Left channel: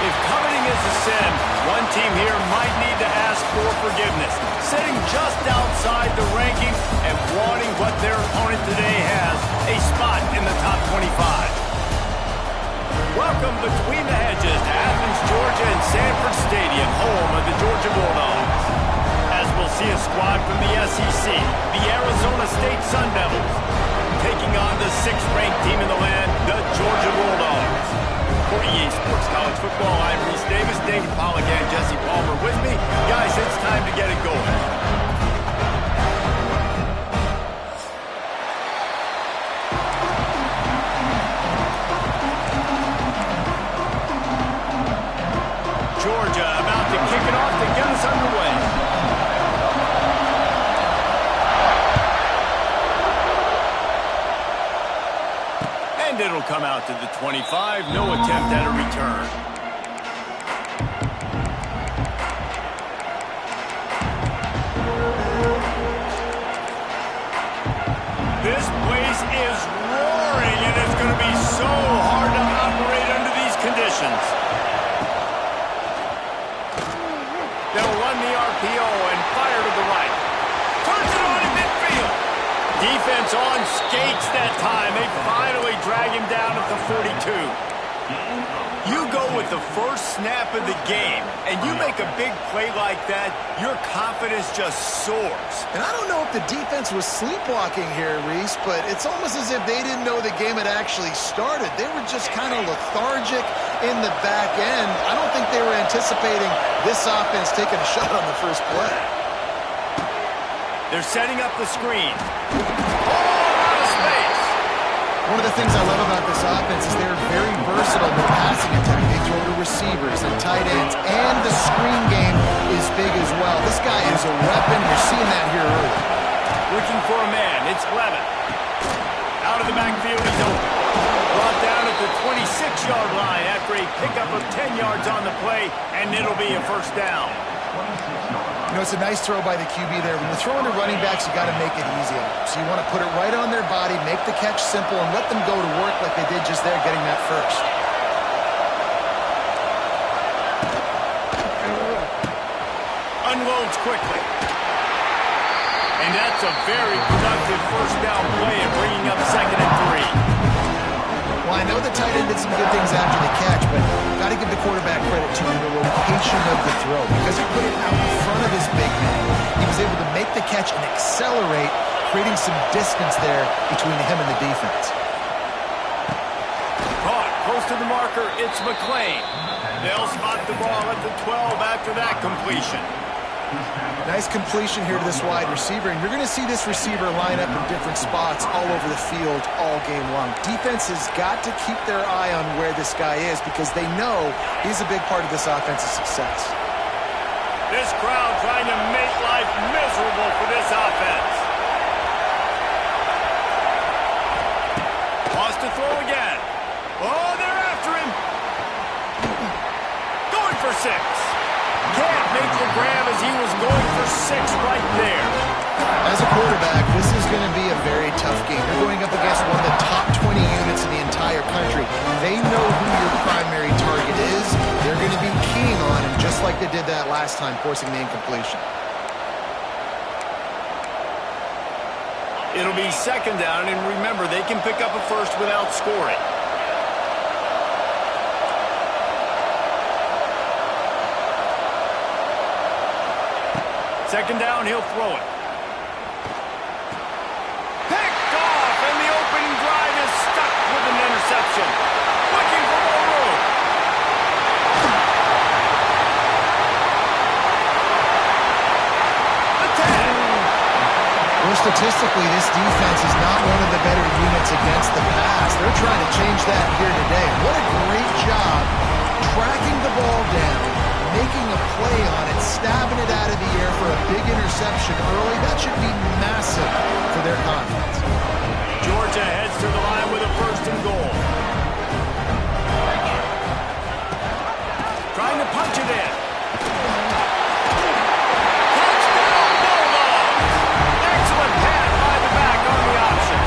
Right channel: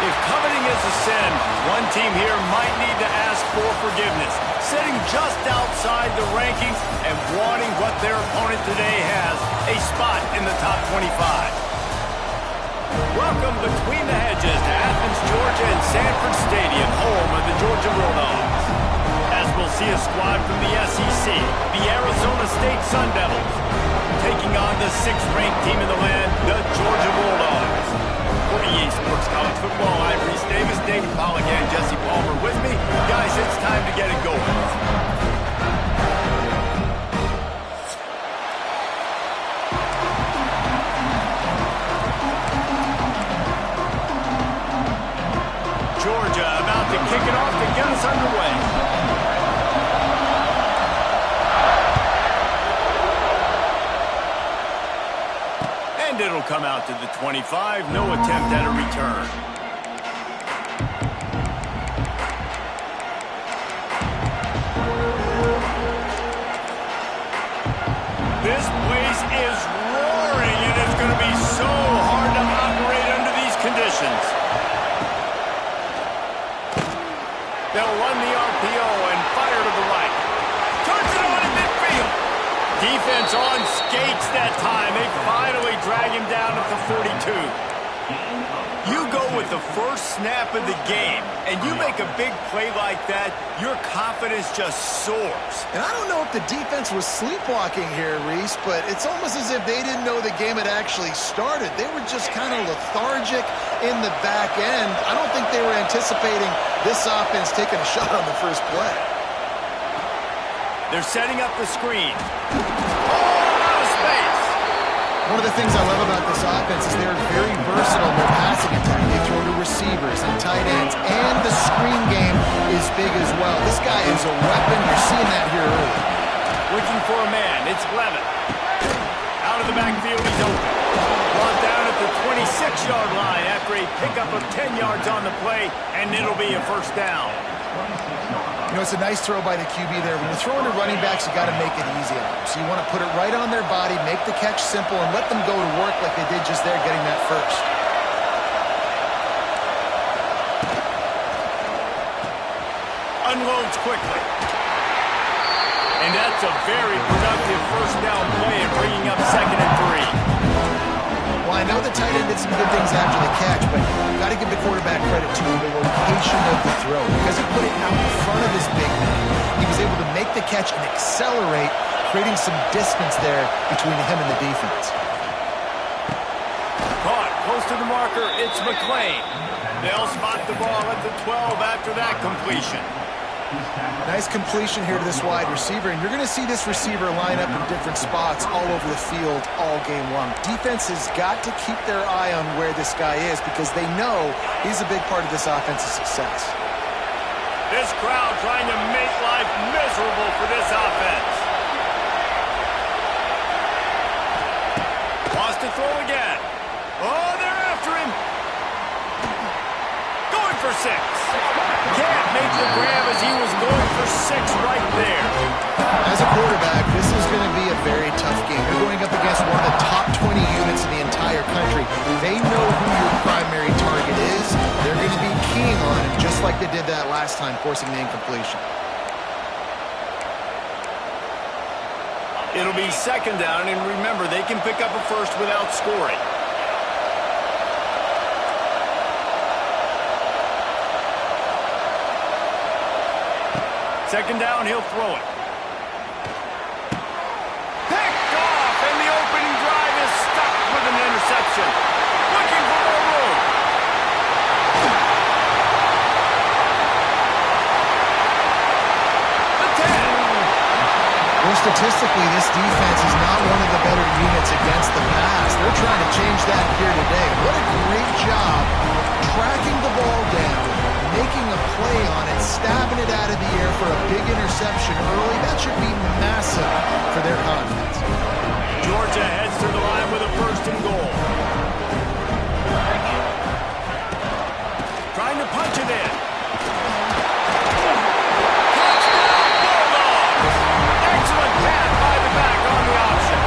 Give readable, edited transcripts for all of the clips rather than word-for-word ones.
If coveting is a sin, one team here might need to ask for forgiveness, sitting just outside the rankings and wanting what their opponent today has, a spot in the top 25. Welcome between the hedges to Athens, Georgia and Sanford Stadium, home of the Georgia Bulldogs. As we'll see a squad from the SEC, the Arizona State Sun Devils, taking on the 6th-ranked team in the land, the Georgia Bulldogs. For EA Sports College Football, I'm Reese Davis, David Pollack, and Jesse Palmer with me. Guys, it's time to get it going. Georgia about to kick it off to get us underway. And it'll come out to the 25. No attempt at a return. This place is roaring, and it's going to be so hard to operate under these conditions. They'll run the RPO and fire to the right. Turns it on in midfield. Defense on skates that time. They finally drag him down at the 42. You go with the first snap of the game, and you make a big play like that, your confidence just soars. And I don't know if the defense was sleepwalking here, Reese, but it's almost as if they didn't know the game had actually started. They were just kind of lethargic in the back end. I don't think they were anticipating this offense taking a shot on the first play. They're setting up the screen. Oh, out of space. One of the things I love about this offense is they're very versatile in their passing attack. They throw to receivers and tight ends, and the screen game is big as well. This guy is a weapon. You're seeing that here early. Looking for a man. It's Levin. Out of the backfield, he's open. Brought down at the 26-yard line after a pickup of 10 yards on the play, and it'll be a first down. You know, it's a nice throw by the QB there. When you're throwing to running backs, you got to make it easy on them. So you want to put it right on their body, make the catch simple, and let them go to work like they did just there, getting that first. Unloads quickly. And that's a very productive first down play and bringing up 2nd and 3. Well, I know the tight end did some good things after the catch, but got to give the quarterback credit to the location of the throw. Because he put it out in front of his big man, he was able to make the catch and accelerate, creating some distance there between him and the defense. Caught close to the marker, it's McClain. They'll spot the ball at the 12 after that completion. Nice completion here to this wide receiver, and you're going to see this receiver line up in different spots all over the field all game long. Defense has got to keep their eye on where this guy is because they know he's a big part of this offense's success. This crowd trying to make life miserable for this offense. Wants to throw again. Oh, they're after him. Going for 6. Can't make the grab as he was going for 6 right there. As a quarterback, this is going to be a very tough game. You're going up against one of the top 20 units in the entire country. They know who your primary target is. They're going to be keying on him, just like they did that last time, forcing the incompletion. It'll be 2nd down, and remember, they can pick up a first without scoring. Second down, he'll throw it. Picked off, and the opening drive is stuck with an interception. Looking for more room. The 10. Well, statistically, this defense is not one of the better units against the pass. They're trying to change that here today. What a great job tracking the ball down, making a play on it, stabbing it out of the air for a big interception early. That should be massive for their confidence. Georgia heads to the line with a 1st and goal. Trying to punch it in. Touchdown, Bulldogs! Excellent pass by the back on the option.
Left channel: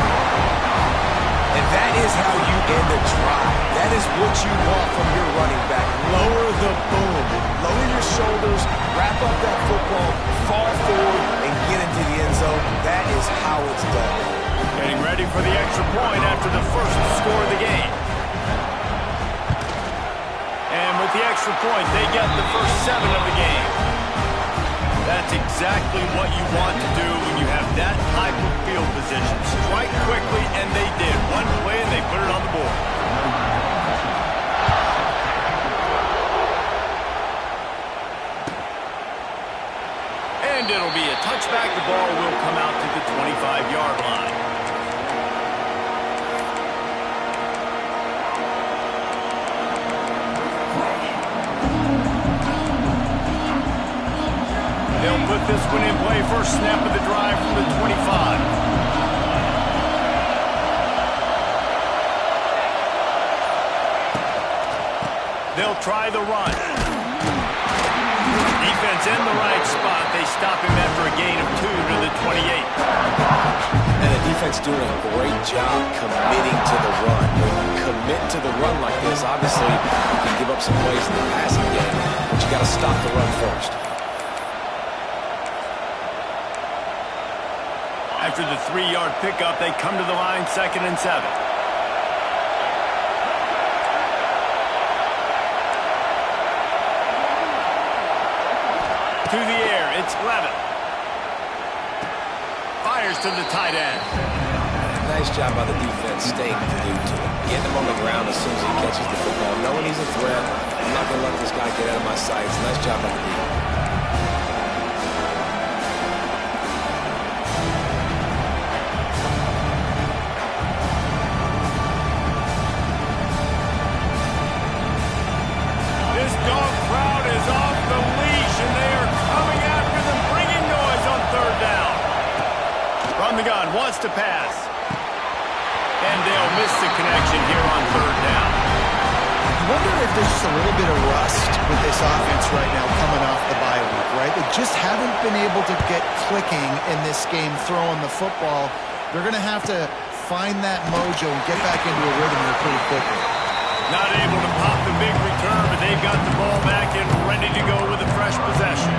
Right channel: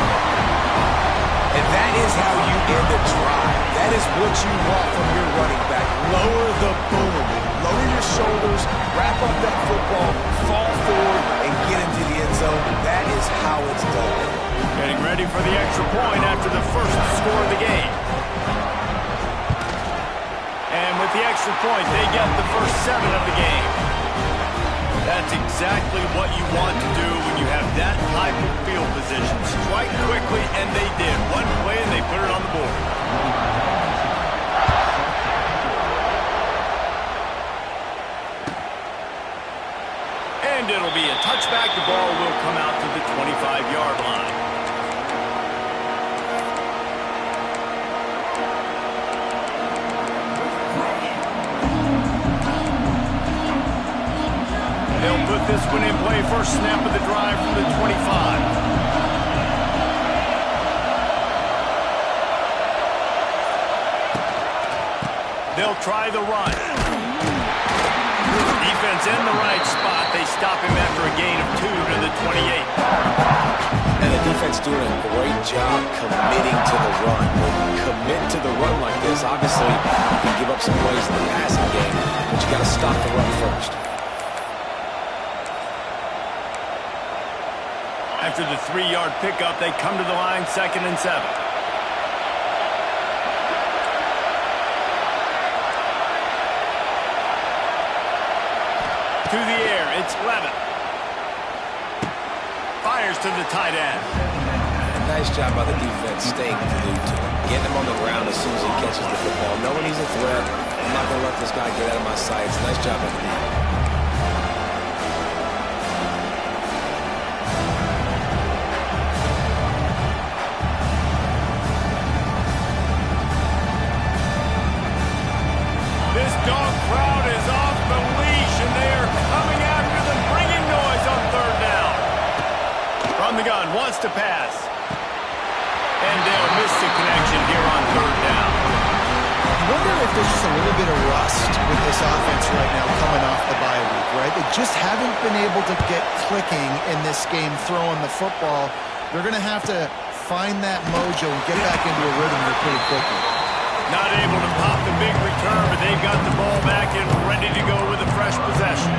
And That is how you end a drive. That is what you want from your running back. Lower the boom. Lower your shoulders, wrap up that football, fall forward, and get into the end zone. That is how it's done. Getting ready for the extra point after the first score of the game. And with the extra point, they get the first 7 of the game. That's exactly what you want to do when you have that type of field position. Strike quickly, and they did. One play, and they put it on the board. And it'll be a touchback. The ball will come out to the 25-yard line. They'll put this one in play. First snap of the drive from the 25. They'll try the run. Defense in the right spot. They stop him after a gain of 2 to the 28. And the defense doing a great job committing to the run. When you commit to the run like this, obviously you can give up some plays in the passing game, but you got to stop the run first. After the 3-yard pickup, they come to the line, 2nd and 7. To the air, it's Levin. Fires to the tight end. Nice job by the defense staying glued to him. Getting him on the ground as soon as he catches the football. Knowing he's a threat, I'm not going to let this guy get out of my sights. Nice job by the defense. This dog crowd is off the leash, and they are coming after them, bringing noise on 3rd down. From the gun, wants to pass. And they'll miss the connection here on 3rd down. I wonder if there's just a little bit of rust with this offense right now coming off the bye week, right? They just haven't been able to get clicking in this game throwing the football. They're going to have to find that mojo and get back into a rhythm here pretty quickly. Not able to pop the big return, but they've got the ball back and ready to go with a fresh possession.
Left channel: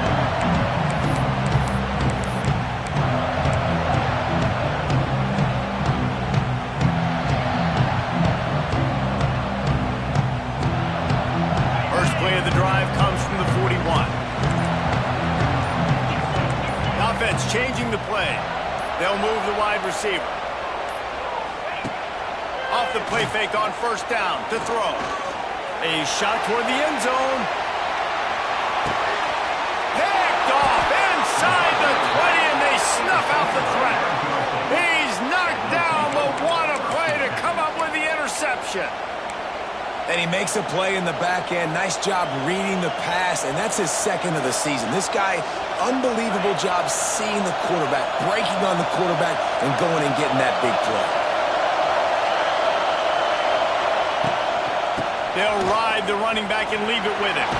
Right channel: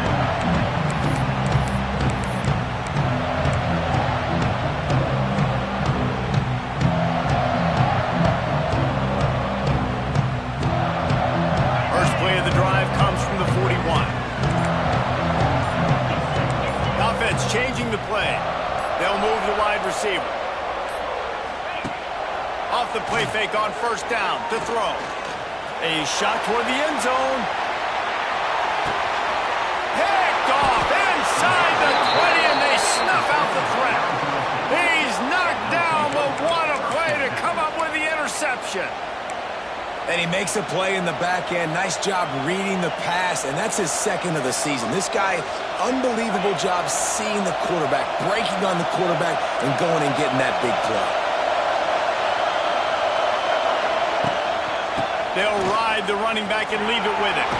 First play of the drive comes from the 41. The offense changing the play. They'll move the wide receiver. Off the play fake on 1st down to throw. A shot toward the end zone. Picked off inside the 20, and they snuff out the threat. He's knocked down, but what a play to come up with the interception. And he makes a play in the back end. Nice job reading the pass, and that's his 2nd of the season. This guy, unbelievable job seeing the quarterback, breaking on the quarterback, and going and getting that big play. They'll ride the running back and leave it with him.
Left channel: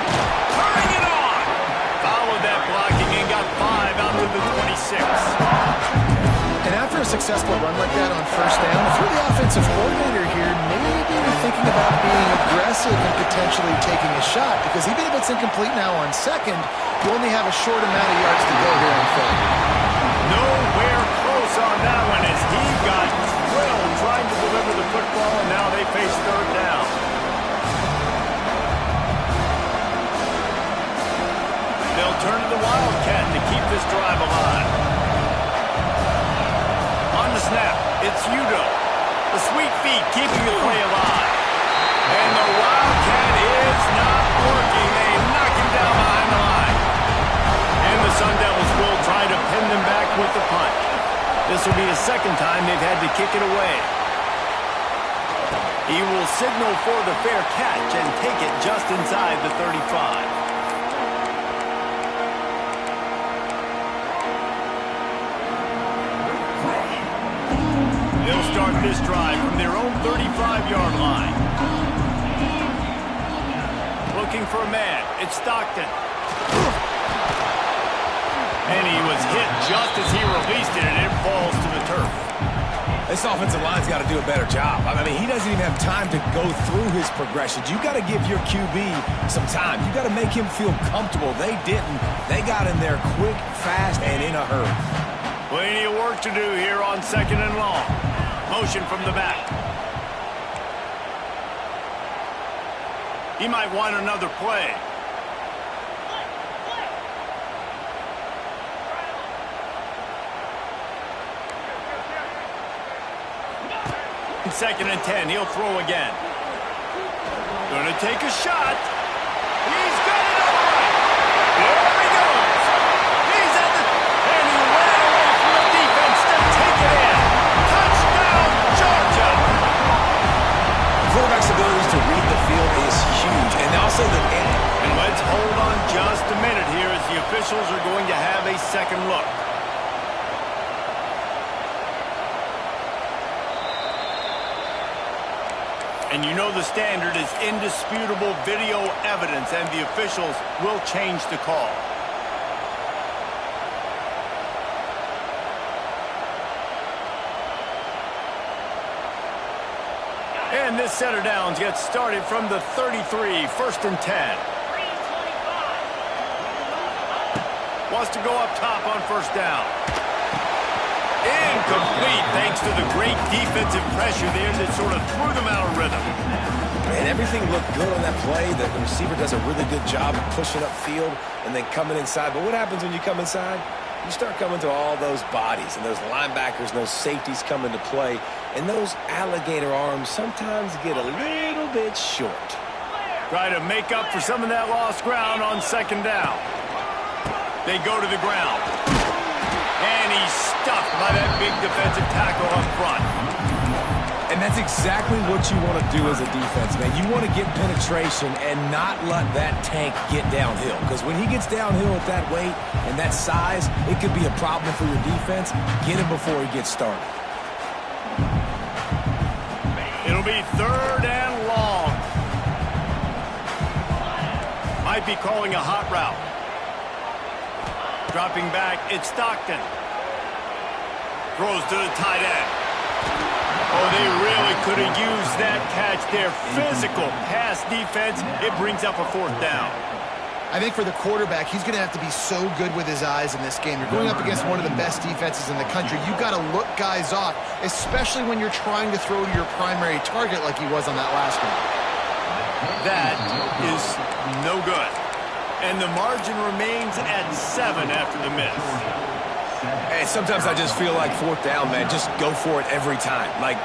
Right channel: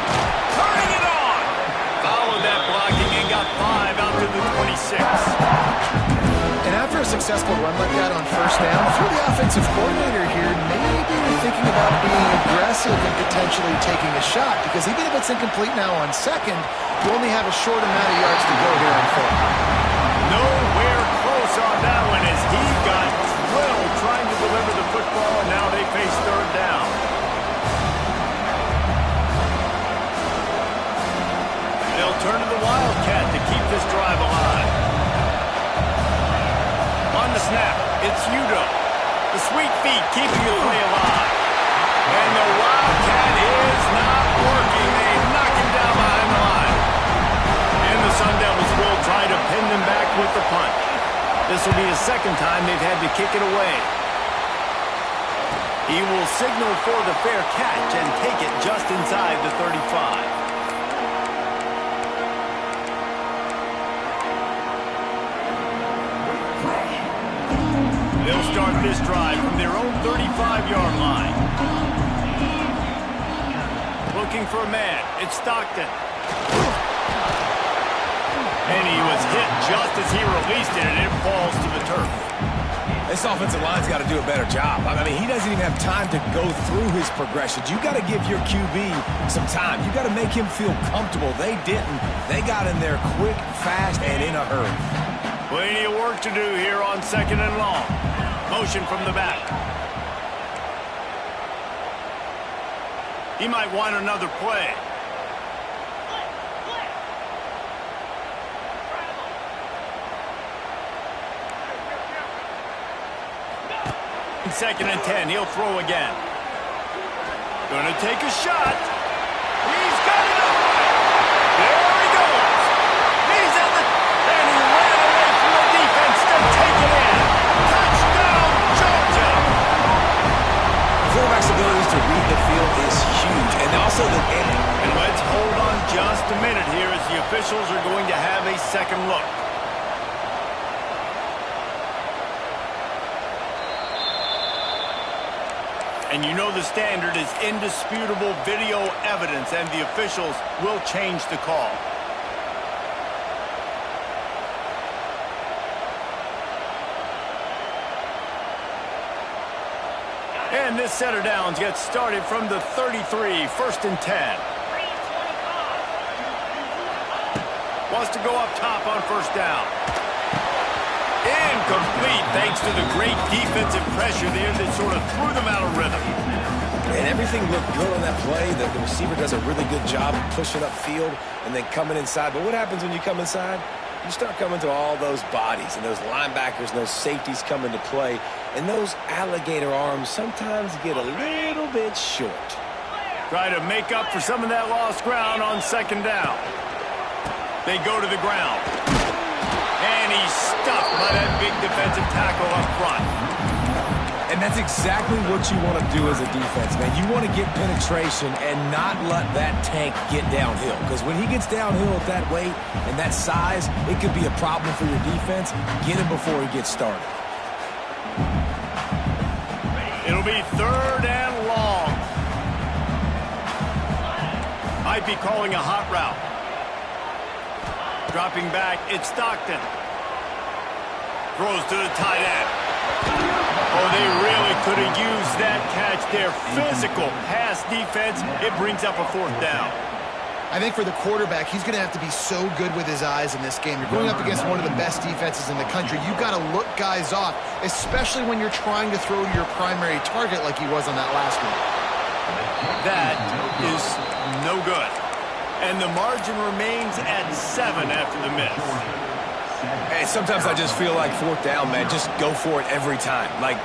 Turning it on. Followed that blocking and got 5 out to the 26. And after a successful run like that on 1st down, if you're the offensive coordinator here, maybe you're thinking about being aggressive and potentially taking a shot, because even if it's incomplete now on 2nd, you only have a short amount of yards to go here on 3rd. Nowhere close on that one as he got thrilled trying to deliver the football, and now they face 3rd down. They'll turn to the Wildcat to keep this drive alive. On the snap, it's Udo. The sweet feet keeping the play alive. And the Wildcat is not working. They knock him down behind the line. And the Sun Devils will try to pin them back with the punt. This will be the 2nd time they've had to kick it away. He will signal for the fair catch and take it just inside the 35. They'll start this drive from their own 35-yard line. Looking for a man. It's Stockton. And he was hit just as he released it, and it falls to the turf. This offensive line's got to do a better job. I mean, he doesn't even have time to go through his progressions. You got to give your QB some time. You got to make him feel comfortable. They didn't. They got in there quick, fast, and in a hurry. Plenty of work to do here on 2nd and long. Motion from the back. He might want another play. 2nd and 10. He'll throw again. Gonna take a shot. He's got it all right. There he goes. He's at the... And he ran away from the defense to take it in. Touchdown, Georgia. Quarterback's abilities to read the field is huge. And also the... And let's hold on just a minute here as the officials are going to have a second look. And you know the standard is indisputable video evidence, and the officials will change the call. And this set of downs gets started from the 33, 1st and 10. Wants to go up top on 1st down. Incomplete, thanks to the great defensive pressure there that sort of threw them out of rhythm. And everything looked good on that play. The receiver does a really good job of pushing upfield and then coming inside. But what happens when you come inside? You start coming to all those bodies and those linebackers and those safeties come into play. And those alligator arms sometimes get a little bit short. Try to make up for some of that lost ground on 2nd down. They go to the ground. And he's stuffed by that big defensive tackle up front. And that's exactly what you want to do as a defense, man. You want to get penetration and not let that tank get downhill. Because when he gets downhill at that weight and that size, it could be a problem for your defense. Get him before he gets started. It'll be 3rd and long. Might be calling a hot route. Dropping back, it's Stockton. Throws to the tight end. Oh, they really could have used that catch there. Physical pass defense. It brings up a 4th down. I think for the quarterback, he's going to have to be so good with his eyes in this game. You're going up against one of the best defenses in the country. You've got to look guys off, especially when you're trying to throw to your primary target like he was on that last one. That is no good. And the margin remains at 7 after the miss. Hey, sometimes I just feel like 4th down, man. Just go for it every time. Like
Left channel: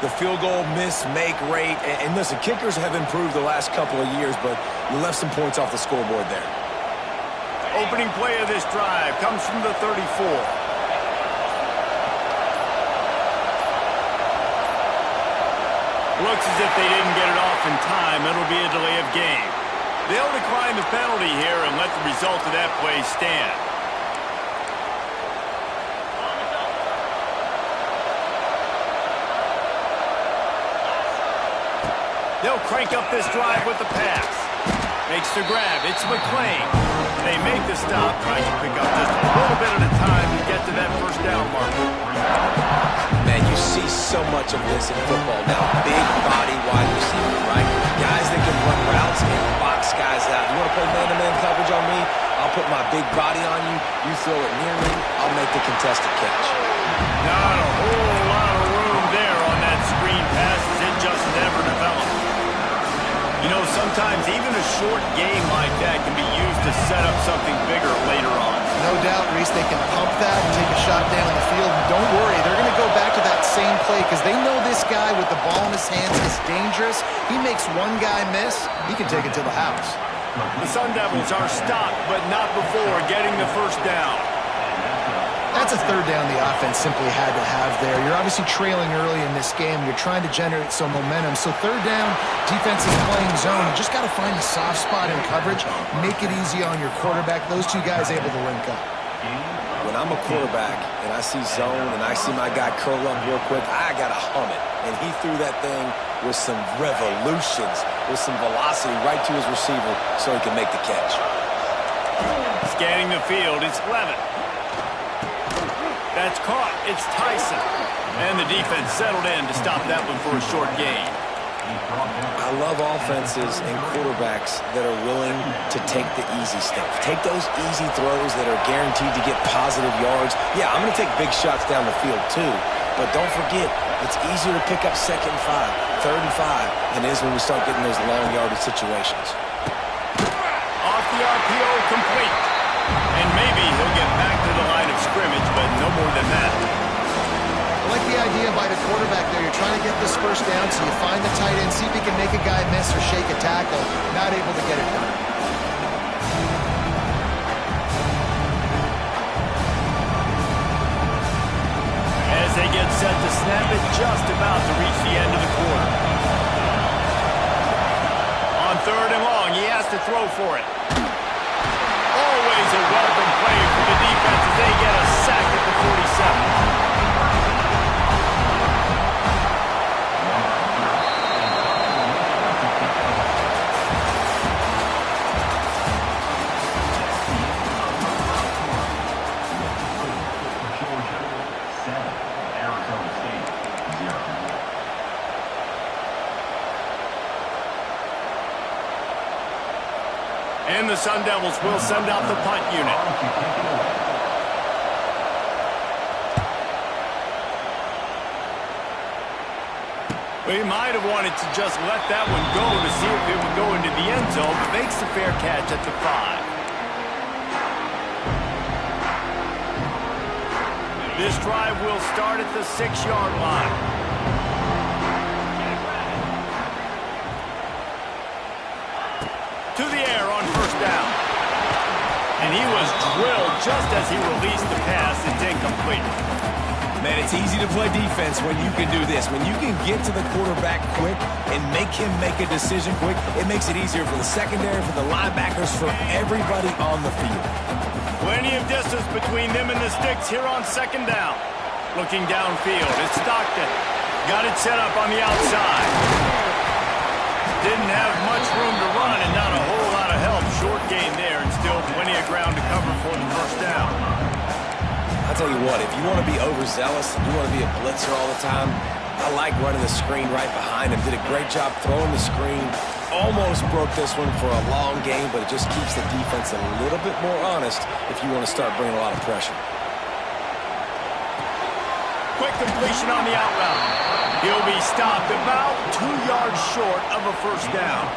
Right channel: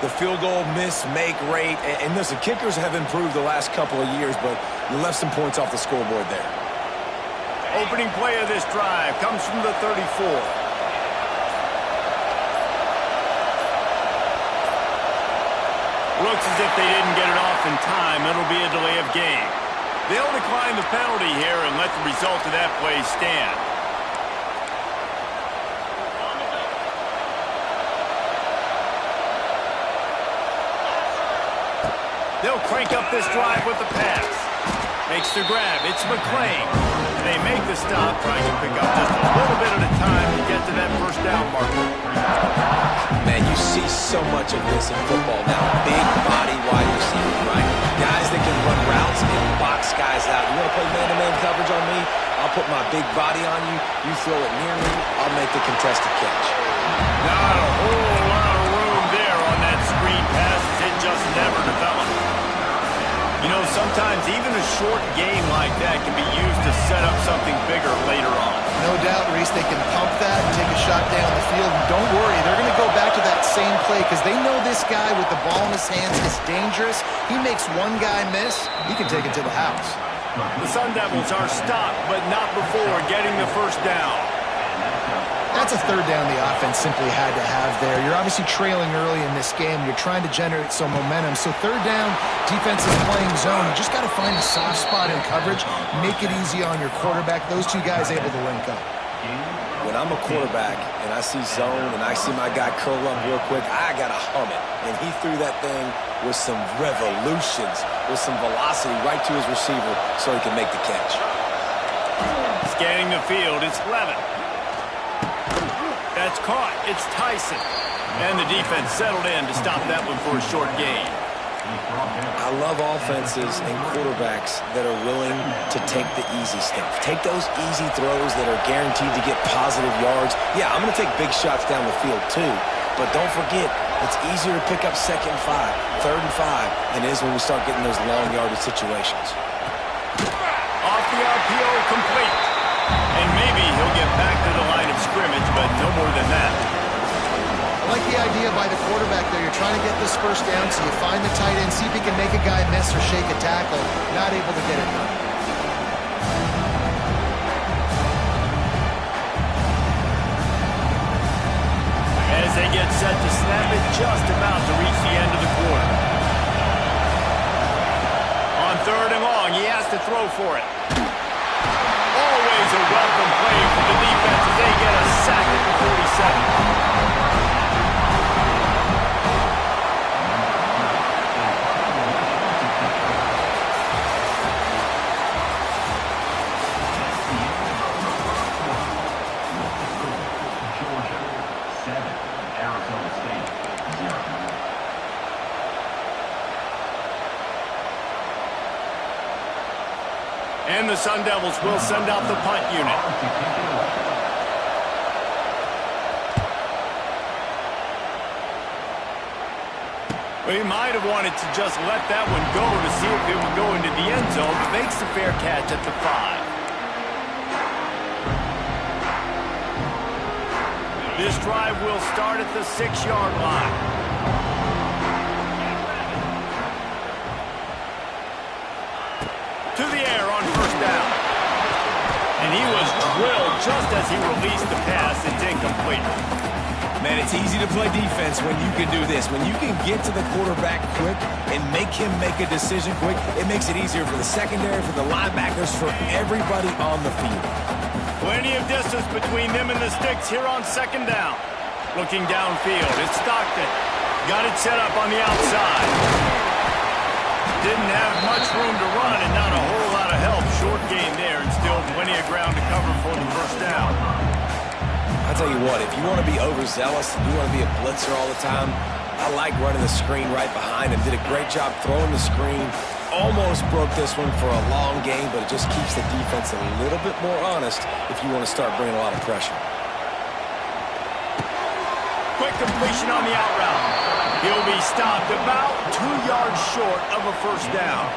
the field goal miss-make rate. And listen, kickers have improved the last couple of years, but you left some points off the scoreboard there. Opening play of this drive comes from the 34. Looks as if they didn't get it off in time. It'll be a delay of game. They'll decline the penalty here and let the result of that play stand. They'll crank up this drive with the pass. Makes the grab. It's McClain. They make the stop, trying to pick up just a little bit at a time to get to that 1st down marker. Man, you see so much of this in football now. Big body wide receivers, right? Guys that can run routes and box guys out. You want to play man-to-man coverage on me? I'll put my big body on you. You throw it near me, I'll make the contested catch. Not a whole lot of room there on that screen pass as it just never developed. You know, sometimes even a short game like that can be used to set up something bigger later on. No doubt, Reese, they can pump that and take a shot down the field. And don't worry, they're going to go back to that same play because they know this guy with the ball in his hands is dangerous. He makes one guy miss, he can take it to the house. The Sun Devils are stopped, but not before getting the 1st down. That's a 3rd down the offense simply had to have there. You're obviously trailing early in this game. You're trying to generate some momentum. So 3rd down, defense is playing zone. You just got to find the soft spot in coverage, make it easy on your quarterback. Those two guys able to link up. When I'm a quarterback and I see zone and I see my guy curl up real quick, I got to hum it. And he threw that thing with some revolutions, with some velocity right to his receiver so he can make the catch. Scanning the field, it's Levin. That's caught. It's Tyson. And the defense settled in to stop that one for a short gain. I love offenses and quarterbacks that are willing to take the easy stuff. Take those easy throws that are guaranteed to get positive yards. Yeah, I'm going to take big shots down the field too. But don't forget, it's easier to pick up 2nd and 5, 3rd and 5 than it is when we start getting those long yardage situations. Off the RPO, complete. And maybe he'll get back to the line of scrimmage, but no more than that. I like the idea by the quarterback there. You're trying to get this first down, so you find the tight end, see if he can make a guy miss or shake a tackle. Not able to get it done. As they get set to snap it, just about to reach the end of the quarter. On 3rd and long, he has to throw for it. Always a welcome play for the defense as they get a sack at the 47. And the Sun Devils will send out the punt unit. Well, he might have wanted to just let that one go to see if it would go into the end zone, but makes the fair catch at the 5. This drive will start at the 6-yard line. To the air on 1st down. And he was drilled just as he released the pass. It's incomplete. Man, it's easy to play defense when you can do this. When you can get to the quarterback quick and make him make a decision quick, it makes it easier for the secondary, for the linebackers, for everybody on the field. Plenty of distance between them and the sticks here on 2nd down. Looking downfield, it's Stockton. Got it set up on the outside. Didn't have much room to run and not a whole lot of help. Short gain there and still plenty of ground to cover for the 1st down. I'll tell you what, if you want to be overzealous and you want to be a blitzer all the time, I like running the screen right behind him. Did a great job throwing the screen. Almost broke this one for a long game, but it just keeps the defense a little bit more honest if you want to start bringing a lot of pressure. Quick completion on the out route. He'll be stopped about 2 yards short of a 1st down.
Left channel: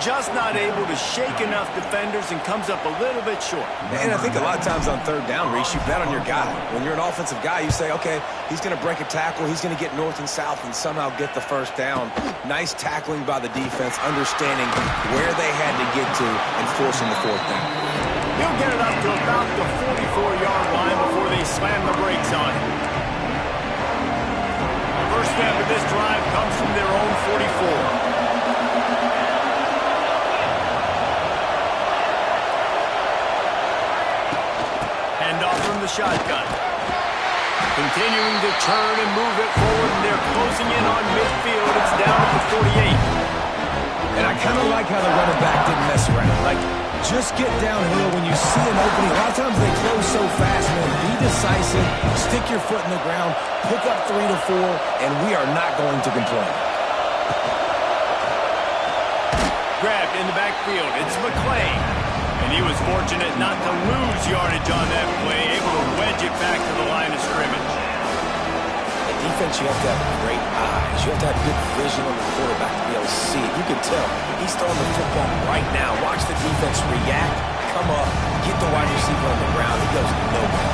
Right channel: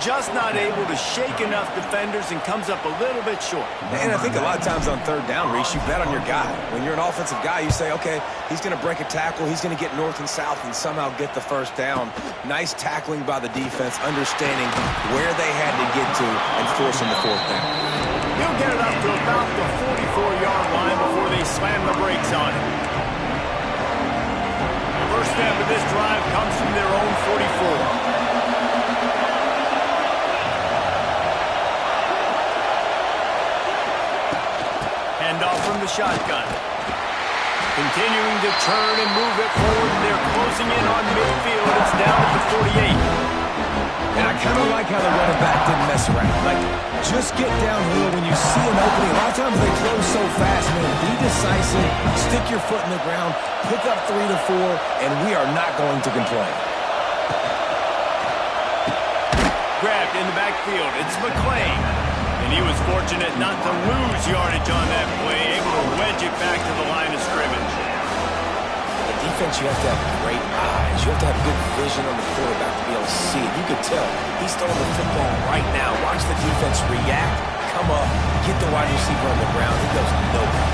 Just not able to shake enough defenders and comes up a little bit short. And I think a lot of times on 3rd down, Reese, you bet on your guy. When you're an offensive guy, you say, okay, he's going to break a tackle, he's going to get north and south and somehow get the 1st down. Nice tackling by the defense, understanding where they had to get to and forcing the 4th down. He'll get it up to about the 44-yard line before they slam the brakes on him. The first step of this drive comes from their own 44. Handoff from the shotgun. Continuing to turn and move it forward, and they're closing in on midfield. It's down at the 48. And I kind of like how the running back didn't mess around. Like, just get downhill when you see an opening. A lot of times they close so fast, man. Be decisive, stick your foot in the ground, pick up 3 to 4, and we are not going to complain. Grabbed in the backfield. It's McClain. And he was fortunate not to lose yardage on that play, able to wedge it back to the line of scrimmage. At defense, you have to have great eyes. You have to have good vision on the quarterback to be able to see it. You can tell he's throwing the football right now. Watch the defense react, come up, get the wide receiver on the ground. He goes nowhere.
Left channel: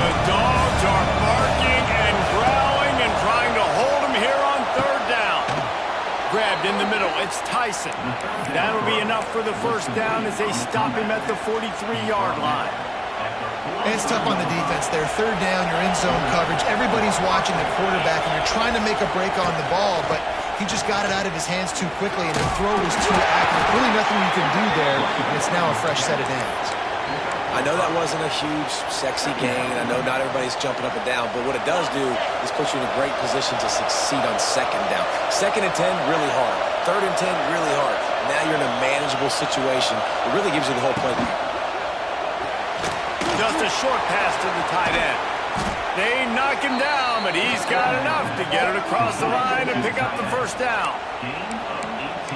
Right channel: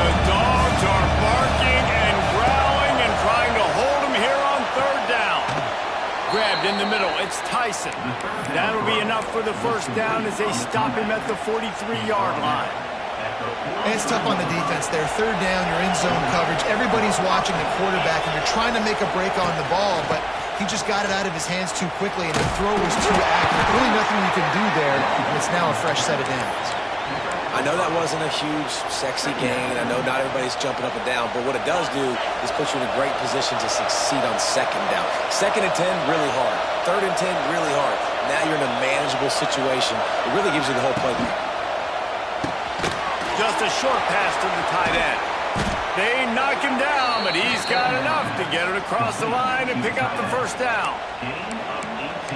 The dogs are barking and growling and trying to hold him here on 3rd down. Grabbed in the middle. It's Tyson. That'll be enough for the 1st down as they stop him at the 43-yard line. And it's tough on the defense there. 3rd down, you're in zone coverage. Everybody's watching the quarterback, and you're trying to make a break on the ball, but he just got it out of his hands too quickly, and the throw was too accurate. Really nothing you can do there, and it's now a fresh set of downs. I know that wasn't a huge, sexy gain. I know not everybody's jumping up and down, but what it does do is put you in a great position to succeed on 2nd down. 2nd and 10, really hard. 3rd and 10, really hard. Now you're in a manageable situation. It really gives you the whole playbook. Just a short pass to the tight end. They knock him down, but he's got enough to get it across the line and pick up the first down.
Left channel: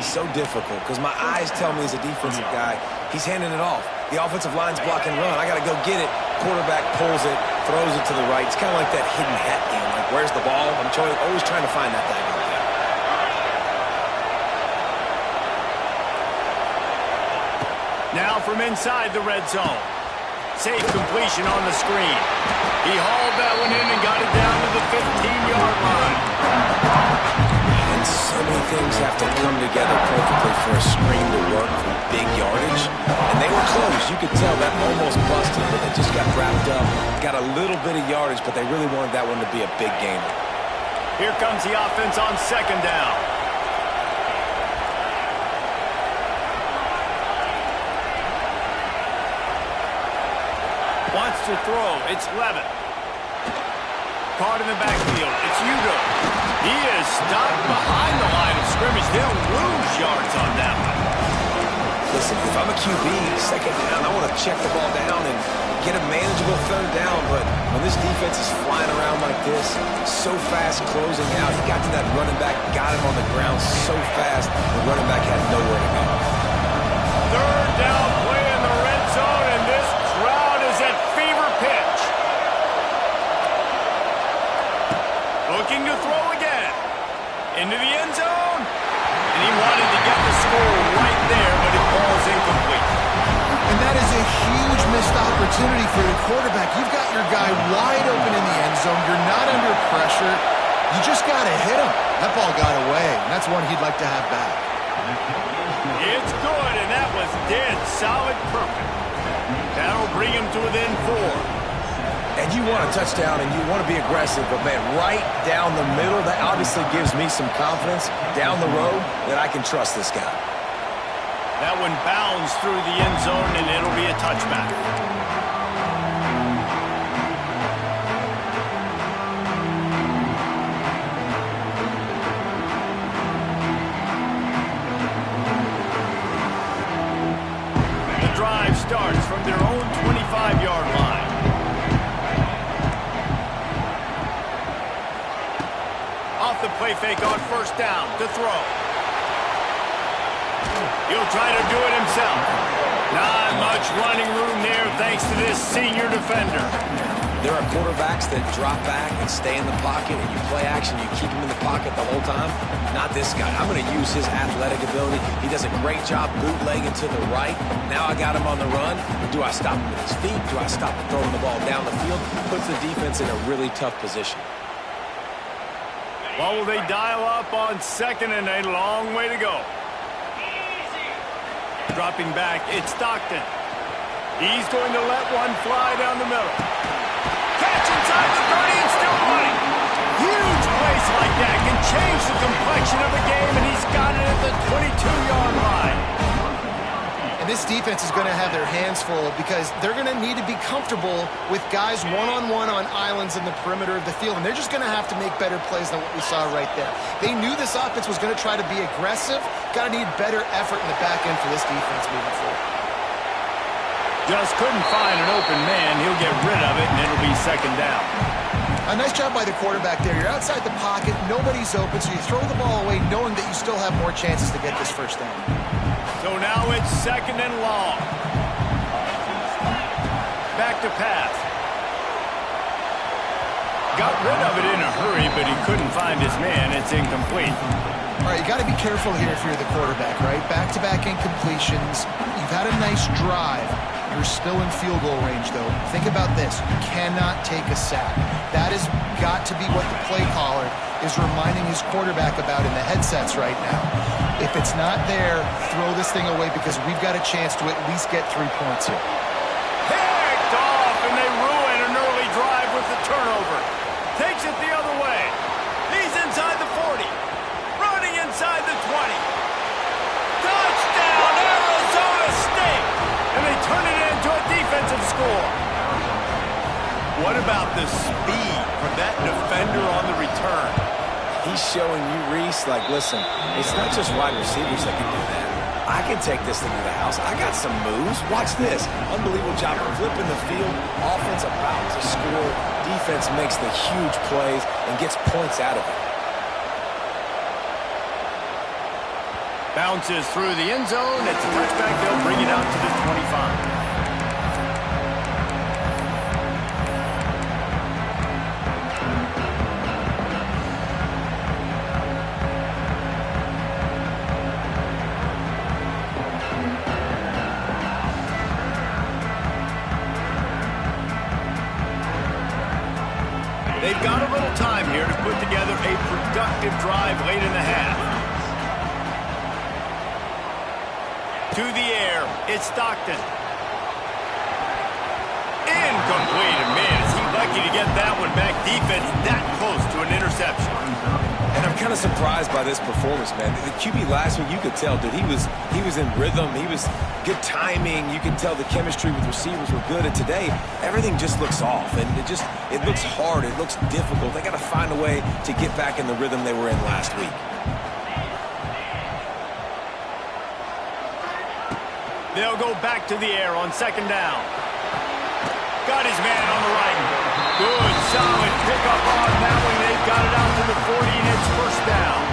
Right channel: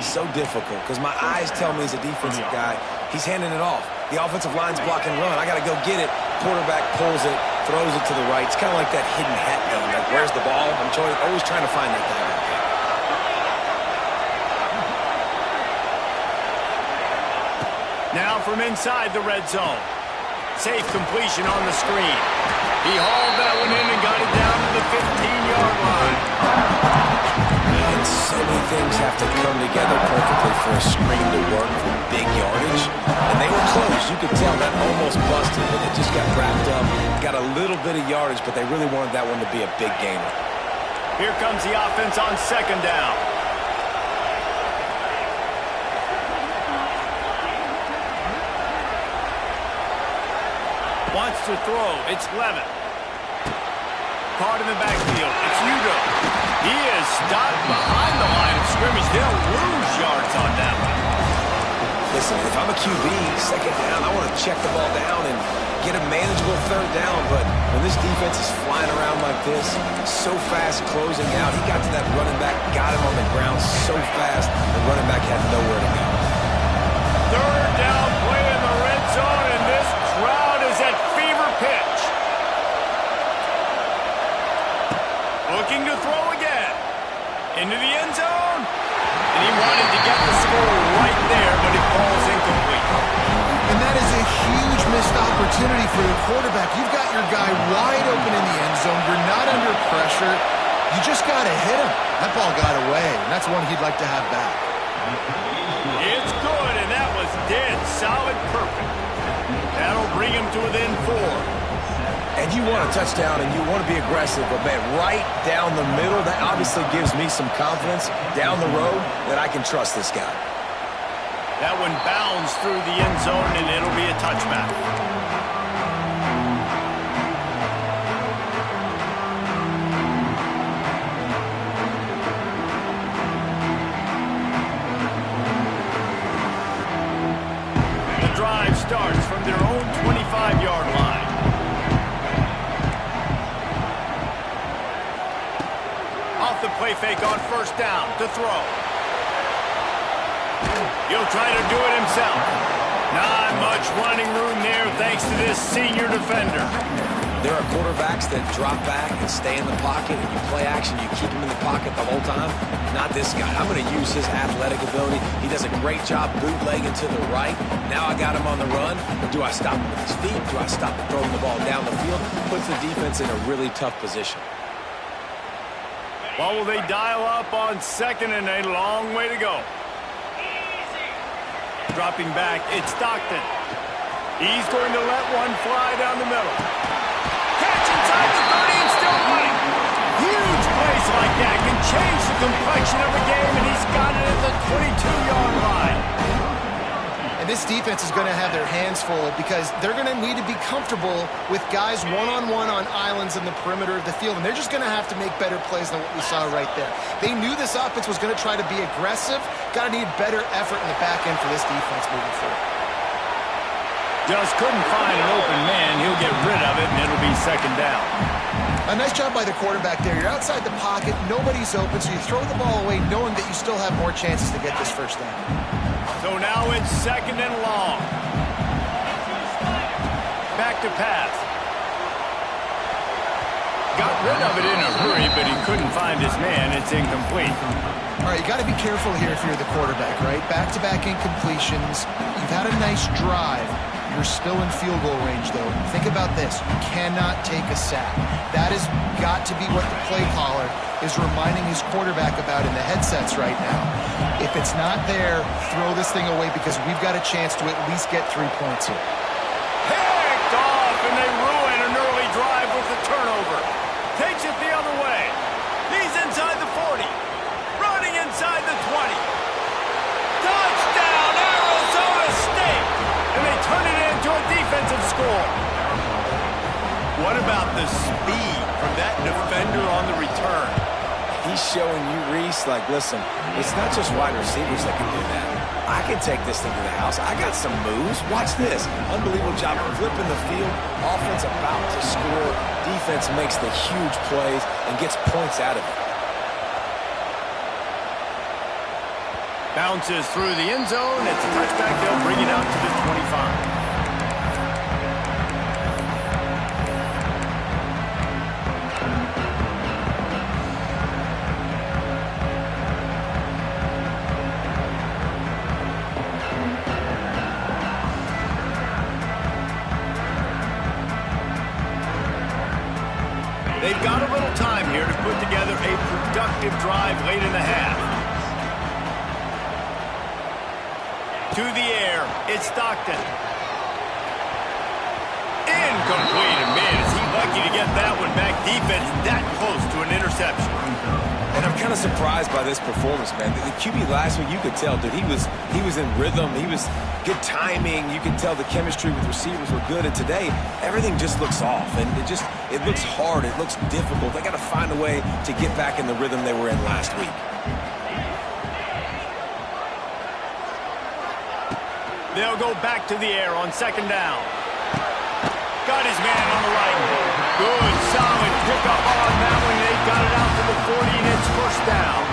So difficult because my eyes tell me as a defensive guy, he's handing it off. The offensive line's blocking run. I got to go get it. Quarterback pulls it, throws it to the right. It's kind of like that hidden hat game. Like, where's the ball? I'm always trying to find that diagonal guy. Now from inside the red zone. Safe completion on the screen. He hauled that one in and got it down to the 15-yard line. And so many things have to come together perfectly for a screen to work for big yardage. And they were close. You could tell that almost busted, but they just got wrapped up. Got a little bit of yardage, but they really wanted that one to be a big gainer. Here comes the offense on second down. Wants to throw. It's Levitt. Caught in the backfield. It's Udo. He is stopped behind the line of scrimmage. They'll lose yards on that one. Listen, if I'm a QB, second down, I want to check the ball down and get a manageable third down. But when this defense is flying around like this, so fast closing out, he got to that running back, got him on the ground so fast, the running back had nowhere to go. Third down play in the red zone, and this crowd is at fever pitch. Looking to throw again. Into the end zone. And he wanted to get the score right there, but it falls incomplete. And that is a huge missed opportunity for the quarterback. You've got your guy wide open in the end zone. You're not under pressure. You just got to hit him. That ball got away, and that's one he'd like to have back. It's good, and that was dead solid perfect. That'll bring him to within 4. And you want a touchdown and you want to be aggressive, but man, right down the middle, that obviously gives me some confidence down the road that I can trust this guy. That one bounds through the end zone, and it'll be a touchback. The drive starts from their own 25-yard line. Off the play fake on first down to throw. He'll try to do it himself. Not much running room there thanks to this senior defender. There are quarterbacks that drop back and stay in the pocket, and you play action, you keep him in the pocket the whole time. Not this guy. I'm going to use his athletic ability. He does a great job bootlegging to the right. Now I got him on the run. Do I stop him with his feet? Do I stop him throwing the ball down the field? Puts the defense in a really tough position. Well, will they dial up on second, and a long way to go. Dropping back, it's Stockton. He's going to let one fly down the middle. Catch inside the 30 and still running. Huge plays like that can change the complexion of a game, and he's got it at the 22-yard line. And this defense is going to have their hands full because they're going to need to be comfortable with guys one-on-one on islands in the perimeter of the field, and they're just going to have to make better plays than what we saw right there. They knew this offense was going to try to be aggressive. Got to need better effort in the back end for this defense moving forward. Just couldn't find an open man. He'll get rid of it, and it'll be second down. A nice job by the quarterback there. You're outside the pocket, nobody's open, so you throw the ball away knowing that you still have more chances to get this first down. So now it's second and long. Back to pass. Got rid of it in a hurry, but he couldn't find his man. It's incomplete. All right, you got to be careful here if you're the quarterback, right? Back-to-back incompletions. You've had a nice drive. You're still in field goal range, though. Think about this. You cannot take a sack. That has got to be what the play caller is reminding his quarterback about in the headsets right now. If it's not there, throw this thing away because we've got a chance to at least get 3 points here. Picked off, and they ruin an early drive with the turnover. Takes it the other way. He's inside the 40. Running inside the 20. Touchdown, Arizona State! And they turn it into a defensive score. What about the speed from that defender on the return? He's showing you, Reese, like, listen, it's not just wide receivers that can do that. I can take this thing to the house. I got some moves. Watch this. Unbelievable job of flipping the field. Offense about to score. defense makes the huge plays and gets points out of it. Bounces through the end zone. It's a touchback. They'll bring it out to the 25. They've got a little time here to put together a productive drive late in the half. To the air, it's Stockton. Incomplete. And man, is he lucky to get that one back. Defense that close to an interception. And I'm kind of surprised by this performance, man. The QB last week, you could tell, dude, he was in rhythm. He was good timing. You could tell the chemistry with receivers were good. And today, everything just looks off. And it looks hard. It looks difficult. They got to find a way to get back in the rhythm they were in last week. They'll go back to the air on second down. Got his man on the right. Good, solid pickup on that one. They've got it out to the 40, and it's first down.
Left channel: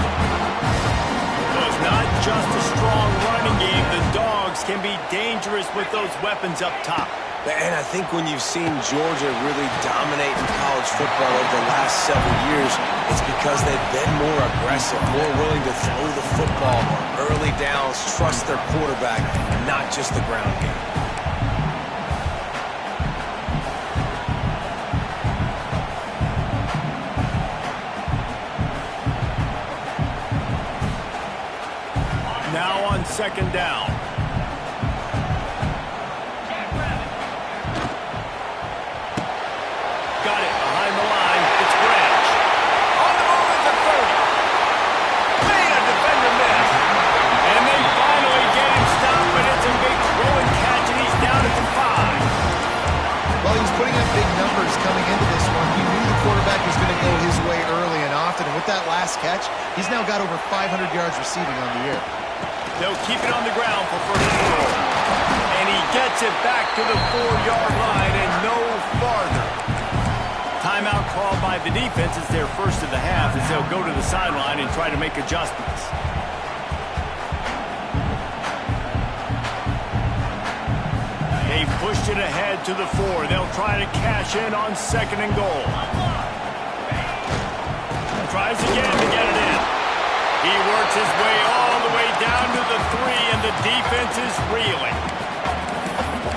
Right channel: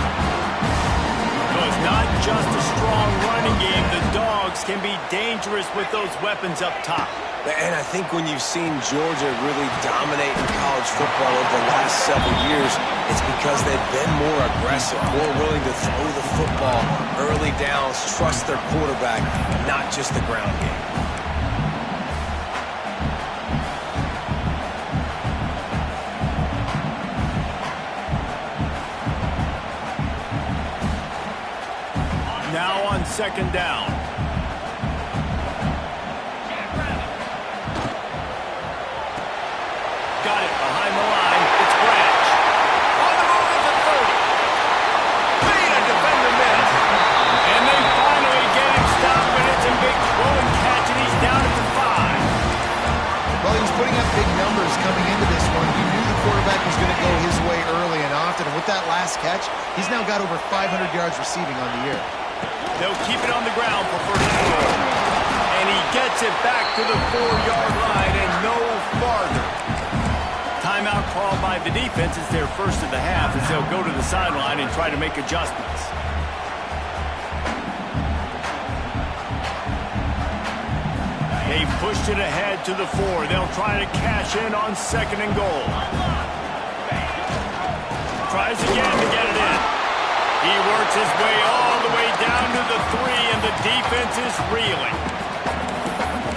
So it's not just a strong running game. The Dogs can be dangerous with those weapons up top. And I think when you've seen Georgia really dominate in college football over the last several years, it's because they've been more aggressive, more willing to throw the football early downs, trust their quarterback, not just the ground game. Now on second down. Got it behind the line. It's Branch. On the move at the 30. Made a defender miss. And they finally get him stopped, but it's a big throw and catch, and he's down at the 5. Well, he was putting up big numbers coming into this one. He knew the quarterback was going to go his way early and often. And with that last catch, he's now got over 500 yards receiving on the year. They'll keep it on the ground for first and goal. And he gets it back to the 4-yard line and no farther. Timeout called by the defense. It's their first of the half as they'll go to the sideline and try to make adjustments. They've pushed it ahead to the 4. They'll try to cash in on second and goal. Tries again to get it in. He works his way all the way down to the 3, and the defense is reeling.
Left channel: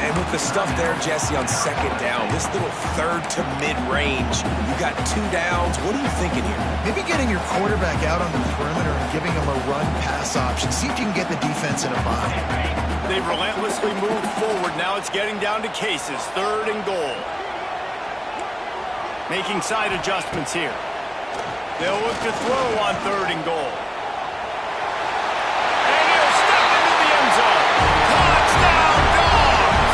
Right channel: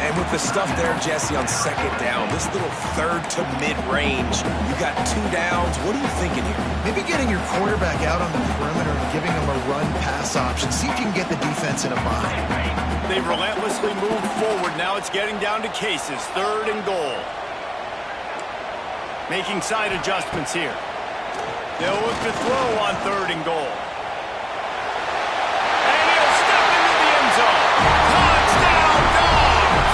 And with the stuff there, Jesse, on second down, this little third to mid-range, you got 2 downs. What are you thinking here? Maybe getting your quarterback out on the perimeter and giving him a run-pass option. See if you can get the defense in a bind. They relentlessly move forward. Now it's getting down to cases. Third and goal. Making side adjustments here. They'll look to throw on third and goal. And he'll step into the end zone. Touchdown, Dogs!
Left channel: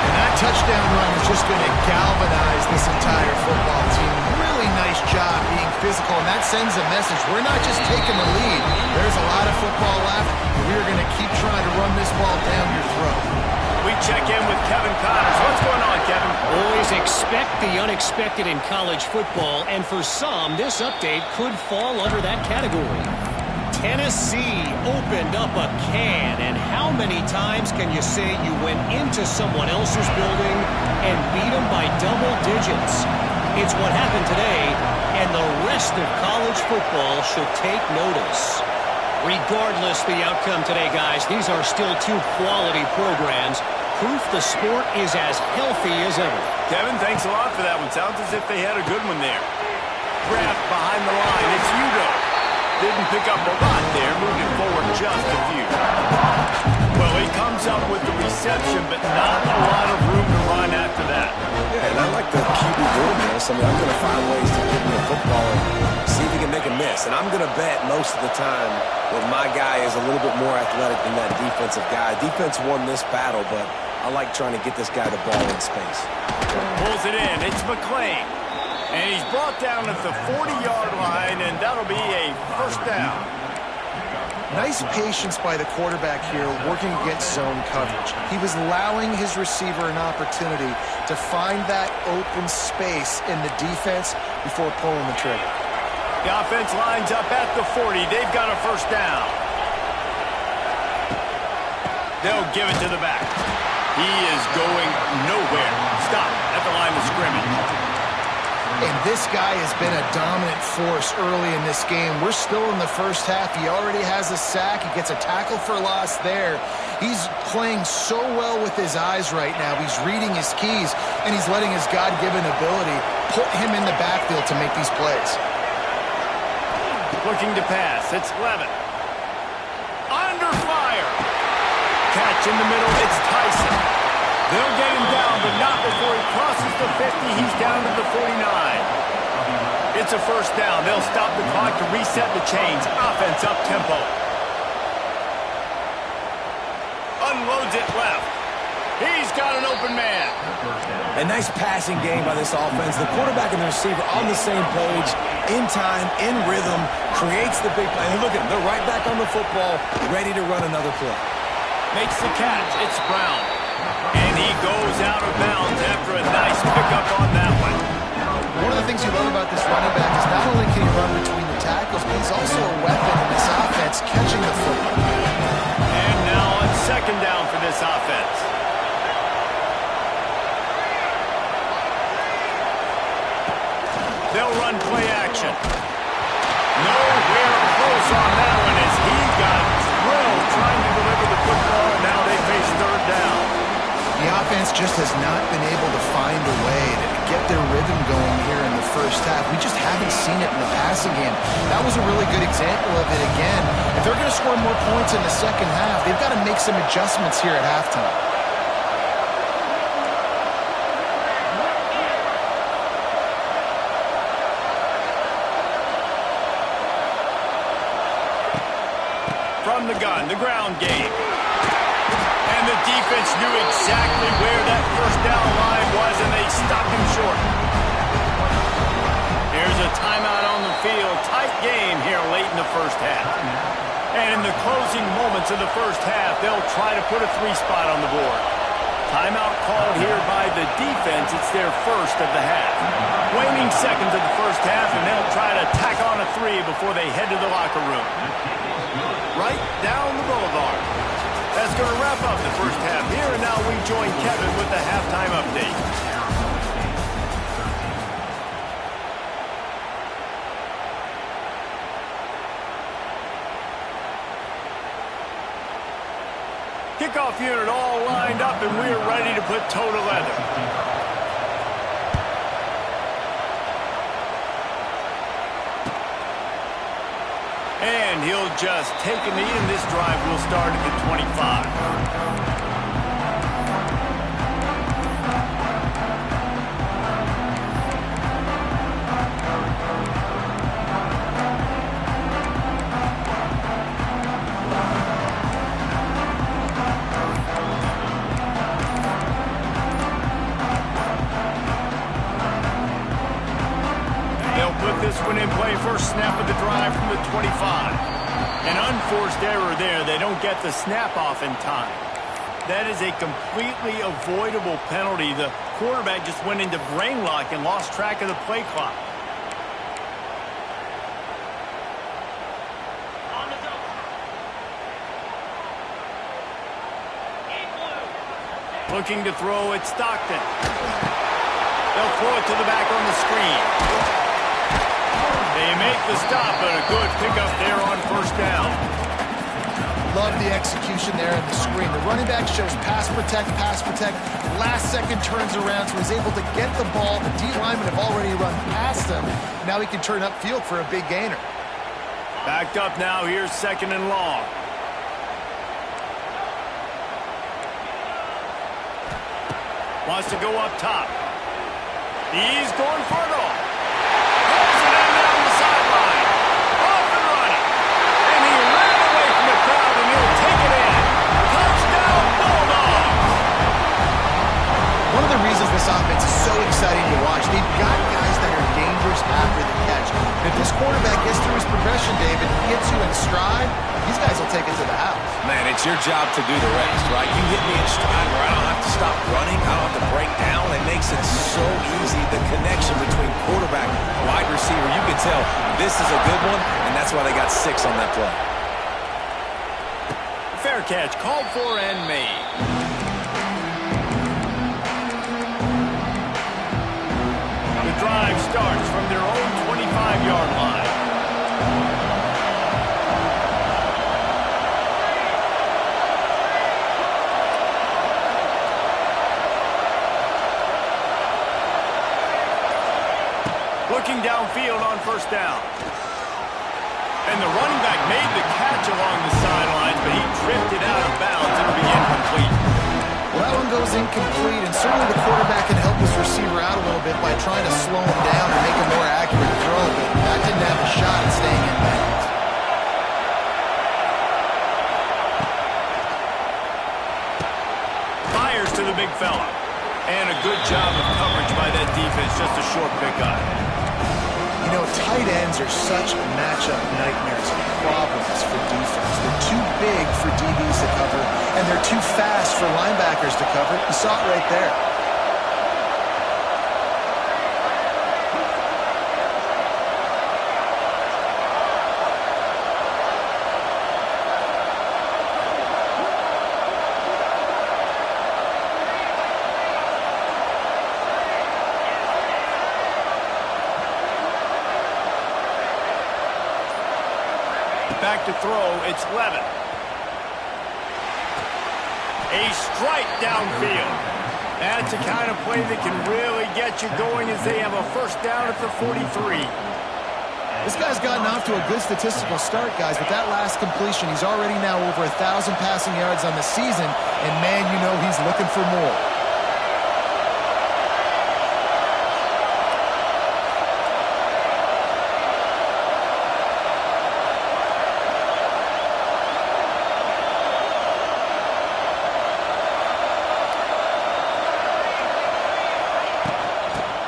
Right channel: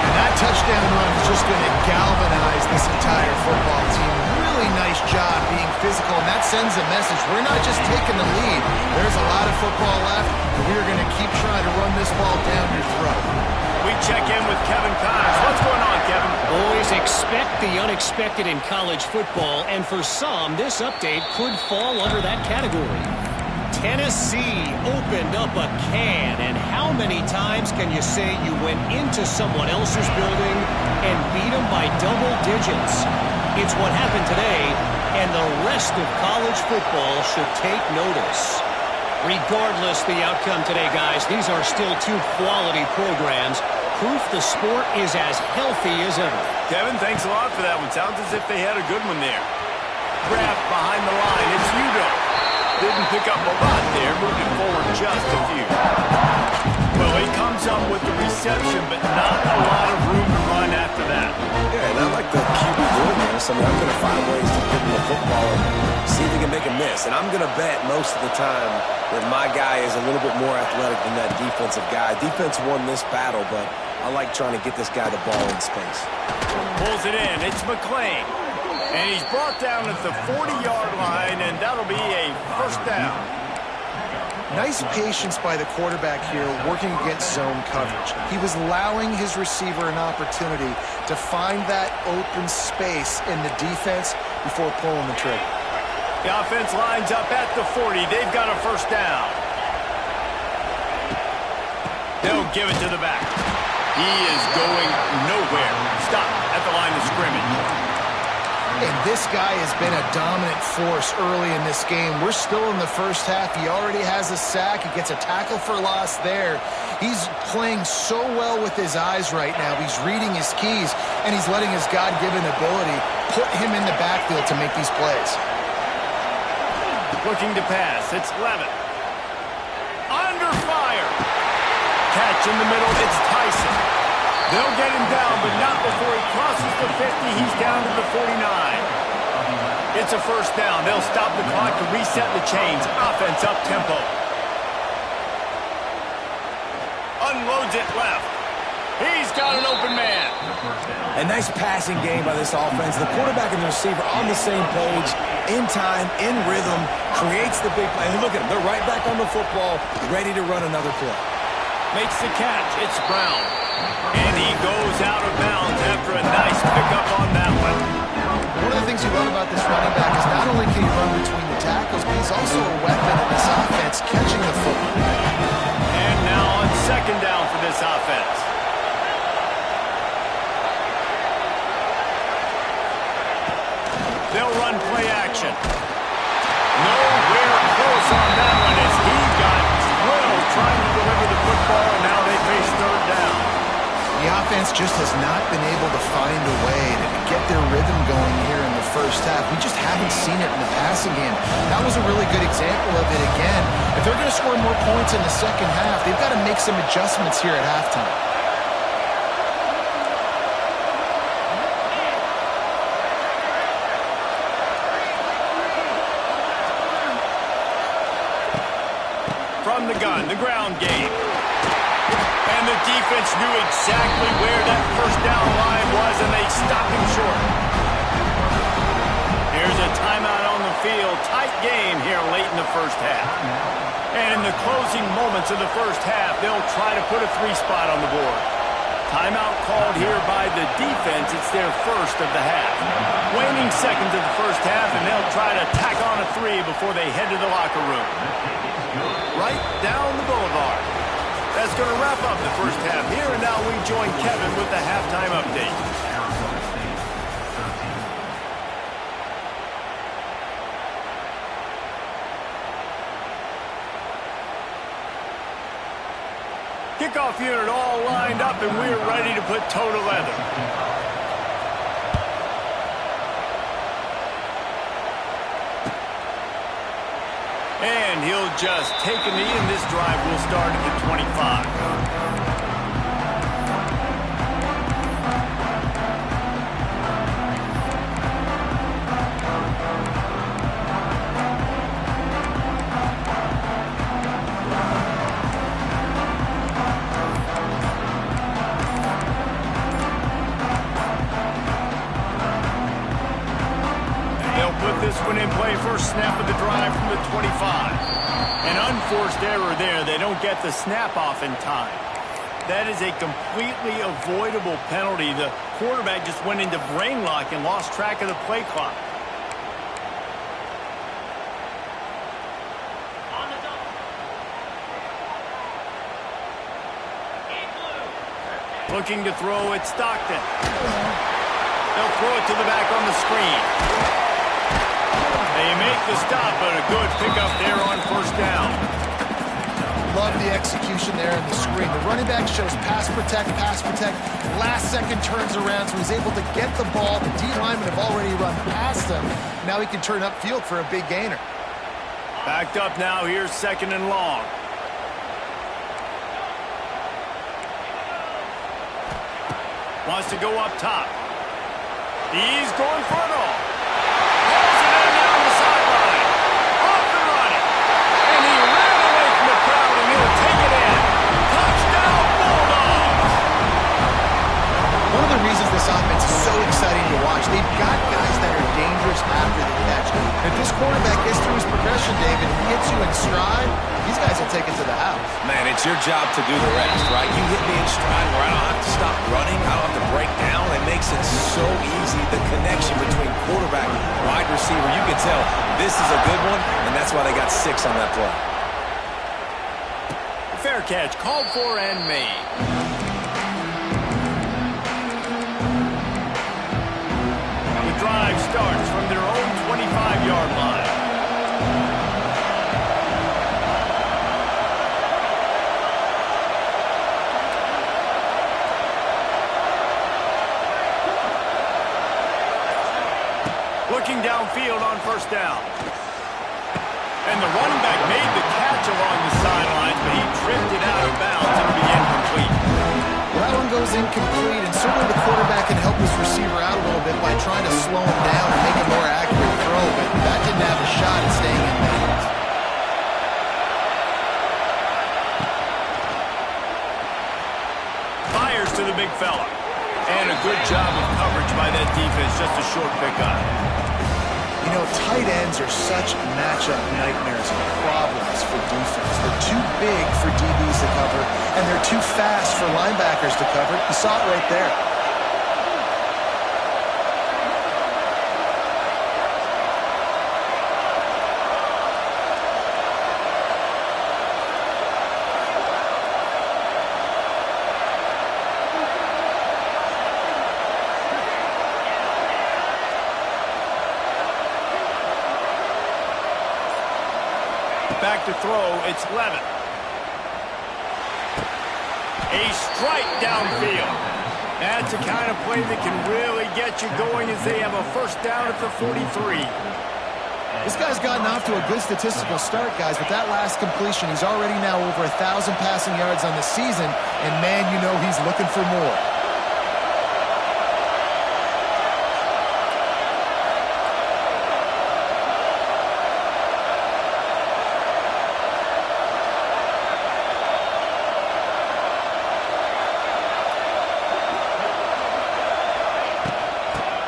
And that touchdown run is just going to galvanize this entire football team. Really nice job being physical, and that sends a message. We're not just taking the lead. There's a lot of football left, and we're going to keep trying to run this ball down your throat. We check in with Kevin Connors. What's going on, Kevin? Always expect the unexpected in college football, and for some, this update could fall under that category. Tennessee opened up a can, and how many times can you say you went into someone else's building and beat them by double digits? It's what happened today, and the rest of college football should take notice. Regardless the outcome today, guys, these are still 2 quality programs. Proof the sport is as healthy as ever. Kevin, thanks a lot for that one. Sounds as if they had a good one there. Graft behind the line. It's Udo. Didn't pick up a lot there. Moved it forward just a few. Well, he comes up with the reception, but not a lot of room to run after that. Yeah, and I like the QB doing this. I mean, I'm going to find ways to get him the football and see if he can make a miss. And I'm going to bet most of the time that my guy is a little bit more athletic than that defensive guy. Defense won this battle, but I like trying to get this guy the ball in space. Pulls it in. It's McClain. And he's brought down at the 40-yard line, and that'll be a first down. Nice patience by the quarterback here working against zone coverage. He was allowing his receiver an opportunity to find that open space in the defense before pulling the trigger. The offense lines up at the 40. They've got a first down. They'll give it to the back. He is going nowhere. Stop at the line of scrimmage. And this guy has been a dominant force early in this game. We're still in the first half. He already has a sack. He gets a tackle for loss there. He's playing so well with his eyes right now. He's reading his keys, and he's letting his God-given ability put him in the backfield to make these plays. Looking to pass. It's Levitt. Under fire. Catch in the middle. It's Tyson. They'll get him down, but not before he crosses the 50. He's down to the 49. It's a first down. They'll stop the clock to reset the chains. Offense up-tempo. Unloads it left. He's got an open man. A nice passing game by this offense. The quarterback and the receiver on the same page, in time, in rhythm, creates the big play. And look at them. They're right back on the football, ready to run another play. Makes the catch. It's Brown. And he goes out of bounds after a nice pickup on that one. One of the things you love about this running back is not only can he run between the tackles, but he's also a weapon in this offense, catching the football. And now on second down for this offense. They'll run play action. Nowhere close on that one as he got drilled trying to deliver the football, and now they face third down. The offense just has not been able to find a way to get their rhythm going here in the first half. We just haven't seen it in the passing game. That was a really good example of it again. If they're going to score more points in the second half, they've got to make some adjustments here at halftime. From the gun, the ground game. And the defense knew exactly where that first down line was, and they stopped him short. Here's a timeout on the field. Tight game here late in the first half. And in the closing moments of the first half, they'll try to put a 3 spot on the board. Timeout called here by the defense. It's their first of the half. Waning seconds of the first half, and they'll try to tack on a 3 before they head to the locker room. Right down the boulevard. That's going to wrap up the first half here, and now we join Kevin with the halftime update. Kickoff unit all lined up, and we're ready to put toe to leather. And he'll just take a knee, and this drive will start at the 25. This one in play, first snap of the drive from the 25. An unforced error there. They don't get the snap off in time. That is a completely avoidable penalty. The quarterback just went into brain lock and lost track of the play clock. Looking to throw at Stockton. They'll throw it to the back on the screen. They make the stop, but a good pickup there on first down. Love the execution there in the screen. The running back shows pass protect, last second turns around, so he's able to get the ball. The D linemen have already run past him. Now he can turn upfield for a big gainer. Backed up now, here's second and long. Wants to go up top. He's going for it all. Pulls it in down the sideline. Off and running. And he ran away from the crowd, and he'll take it in. Touchdown, Bulldogs! One of the reasons this offense is so exciting to watch, they've got guys that are dangerous receivers after the catch. And if this quarterback gets through his progression, David, and hits you in stride, these guys will take it to the house. Man, it's your job to do the rest, right? You hit me in stride where I don't have to stop running. I don't have to break down. It makes it so easy. The connection between quarterback, wide receiver, you can tell this is a good one, and that's why they got 6 on that play. Fair catch, called for and made. The drive starts from their own 25-yard line. Looking downfield on first down. And the running back made the catch along the sidelines, but he drifted out of bounds. It'll be incomplete. Well, that one goes incomplete, and certainly the quarterback can help his receiver out a little bit by trying to slow him down and make a more accurate throw, but that didn't have a shot at staying in bounds. Fires to the big fella. And a good job of coverage by that defense, just a short pickup. You know, tight ends are such matchup nightmares and problems for defense. They're too big for DBs to cover, and they're too fast for linebackers to cover. You saw it right there. Back to throw, it's Levin. A strike downfield. That's a kind of play that can really get you going as they have a first down at the 43. This guy's gotten off to a good statistical start, guys. With that last completion, he's already now over 1,000 passing yards on the season, and man, you know he's looking for more.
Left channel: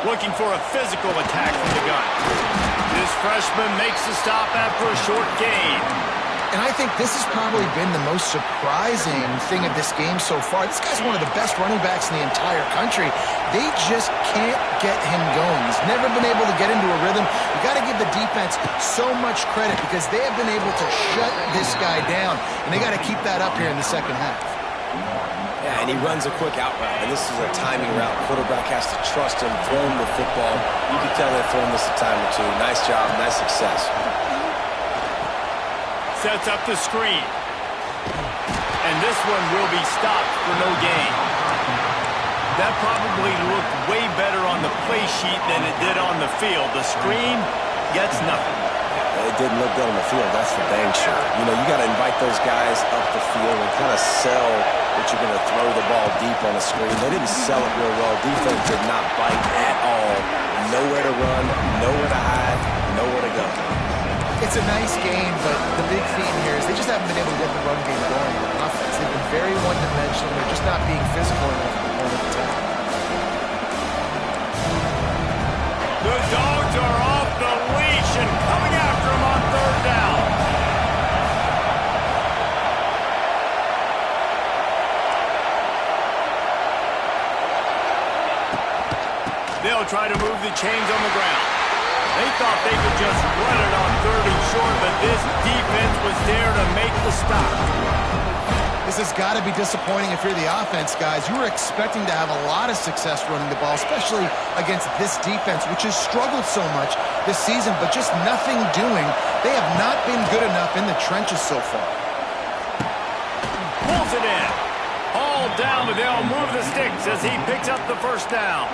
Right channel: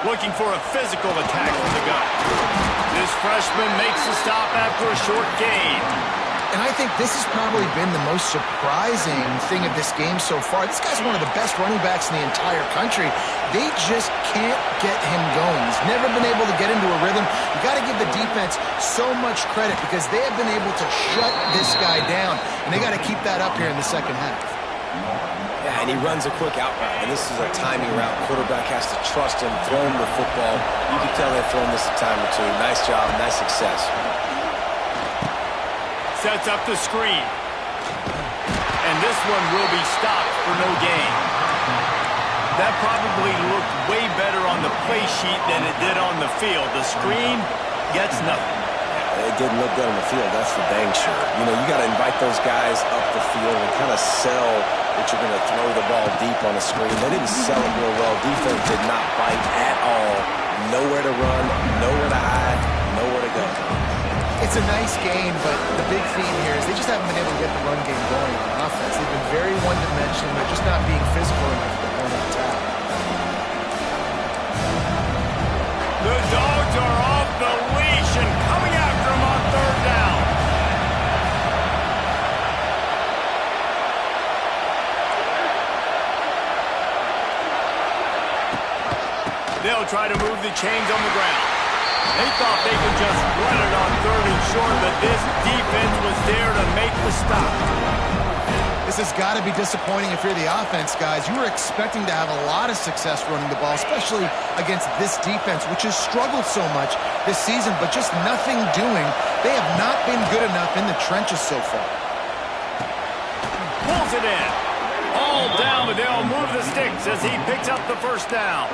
Looking for a physical attack from the gun. This freshman makes a stop after a short gain. And I think this has probably been the most surprising thing of this game so far. This guy's one of the best running backs in the entire country. They just can't get him going. He's never been able to get into a rhythm. You got to give the defense so much credit because they have been able to shut this guy down, and they got to keep that up here in the second half. Yeah, and he runs a quick out route, and this is a timing route. Quarterback has to trust him, throw him the football. You can tell they've thrown this a time or two. Nice job, nice success. Sets up the screen. And this one will be stopped for no gain. That probably looked way better on the play sheet than it did on the field. The screen gets nothing. It didn't look good on the field, that's for dang sure. You know, you got to invite those guys up the field and kind of sell that you're going to throw the ball deep on the screen. They didn't sell it real well. Defense did not bite at all. Nowhere to run, nowhere to hide, nowhere to go. It's a nice game, but the big theme here is they just haven't been able to get the run game going on offense. They've been very one-dimensional. They're just not being physical enough at the point of attack. The Dogs are off the leash and coming after him on third down. They'll try to move the chains on the ground. They thought they could just run it on third and short, but this defense was there to make the stop. This has got to be disappointing if you're the offense, guys. You were expecting to have a lot of success running the ball, especially against this defense, which has struggled so much this season, but just nothing doing. They have not been good enough in the trenches so far. Pulls it in. All down, but they'll move the sticks as he picks up the first down.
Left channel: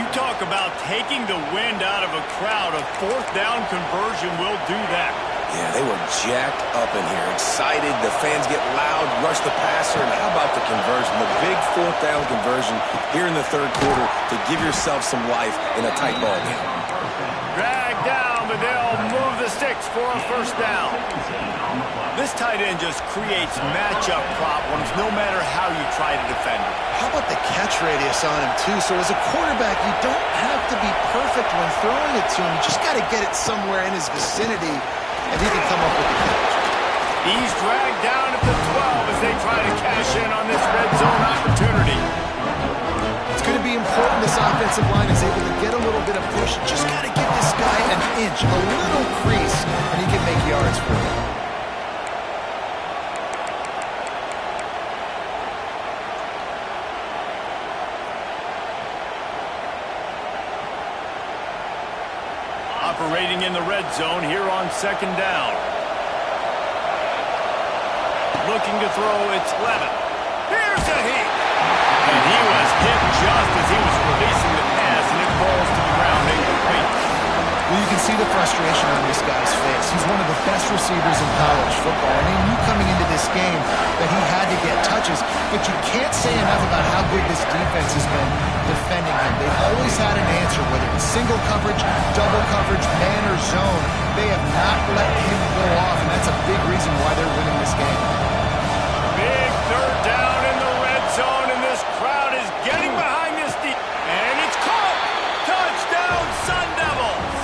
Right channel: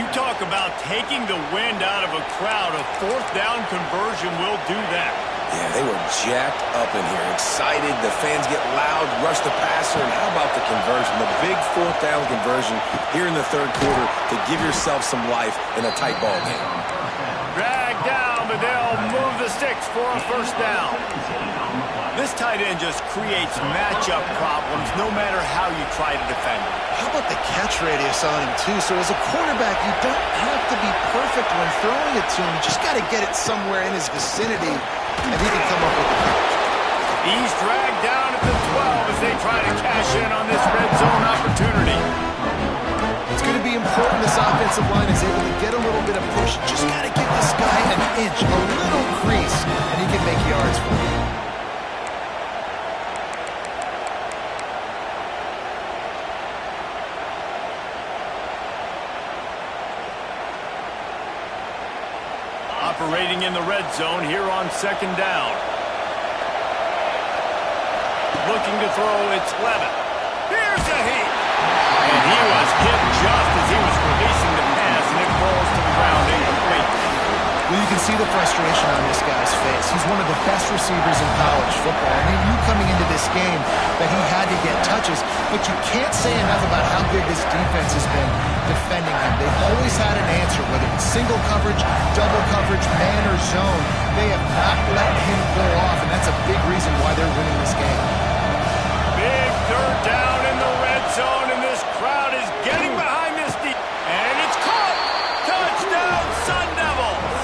You talk about taking the wind out of a crowd. A fourth down conversion will do that. Yeah, they were jacked up in here, excited. The fans get loud, rush the passer, and how about the conversion? The big fourth down conversion here in the third quarter to give yourself some life in a tight ball game. Dragged down, but they'll move the sticks for a first down. This tight end just creates matchup problems no matter how you try to defend it. How about the catch radius on him, too? So as a quarterback, you don't have to be perfect when throwing it to him. You just got to get it somewhere in his vicinity, and he can come up with the catch. He's dragged down at the 12 as they try to cash in on this red zone opportunity. It's going to be important this offensive line is able to get a little bit of push. Just got to give this guy an inch, a little crease, and he can make yards for you. Operating in the red zone here on second down. Looking to throw, it's Levin. Here's a heat. And he was hit just as he was releasing the pass, and it falls to the ground incomplete. Well, you can see the frustration on this guy's face. He's one of the best receivers in college football. I mean, you coming into this game that he had to get touches, but you can't say enough about how good this defense has been defending him. They've always had an answer, whether it's single coverage, double coverage, man or zone. They have not let him go off, and that's a big reason why they're winning this game. Big third down in the red zone, and this crowd is getting behind this deep. And it's caught! Touchdown, Sun Devils!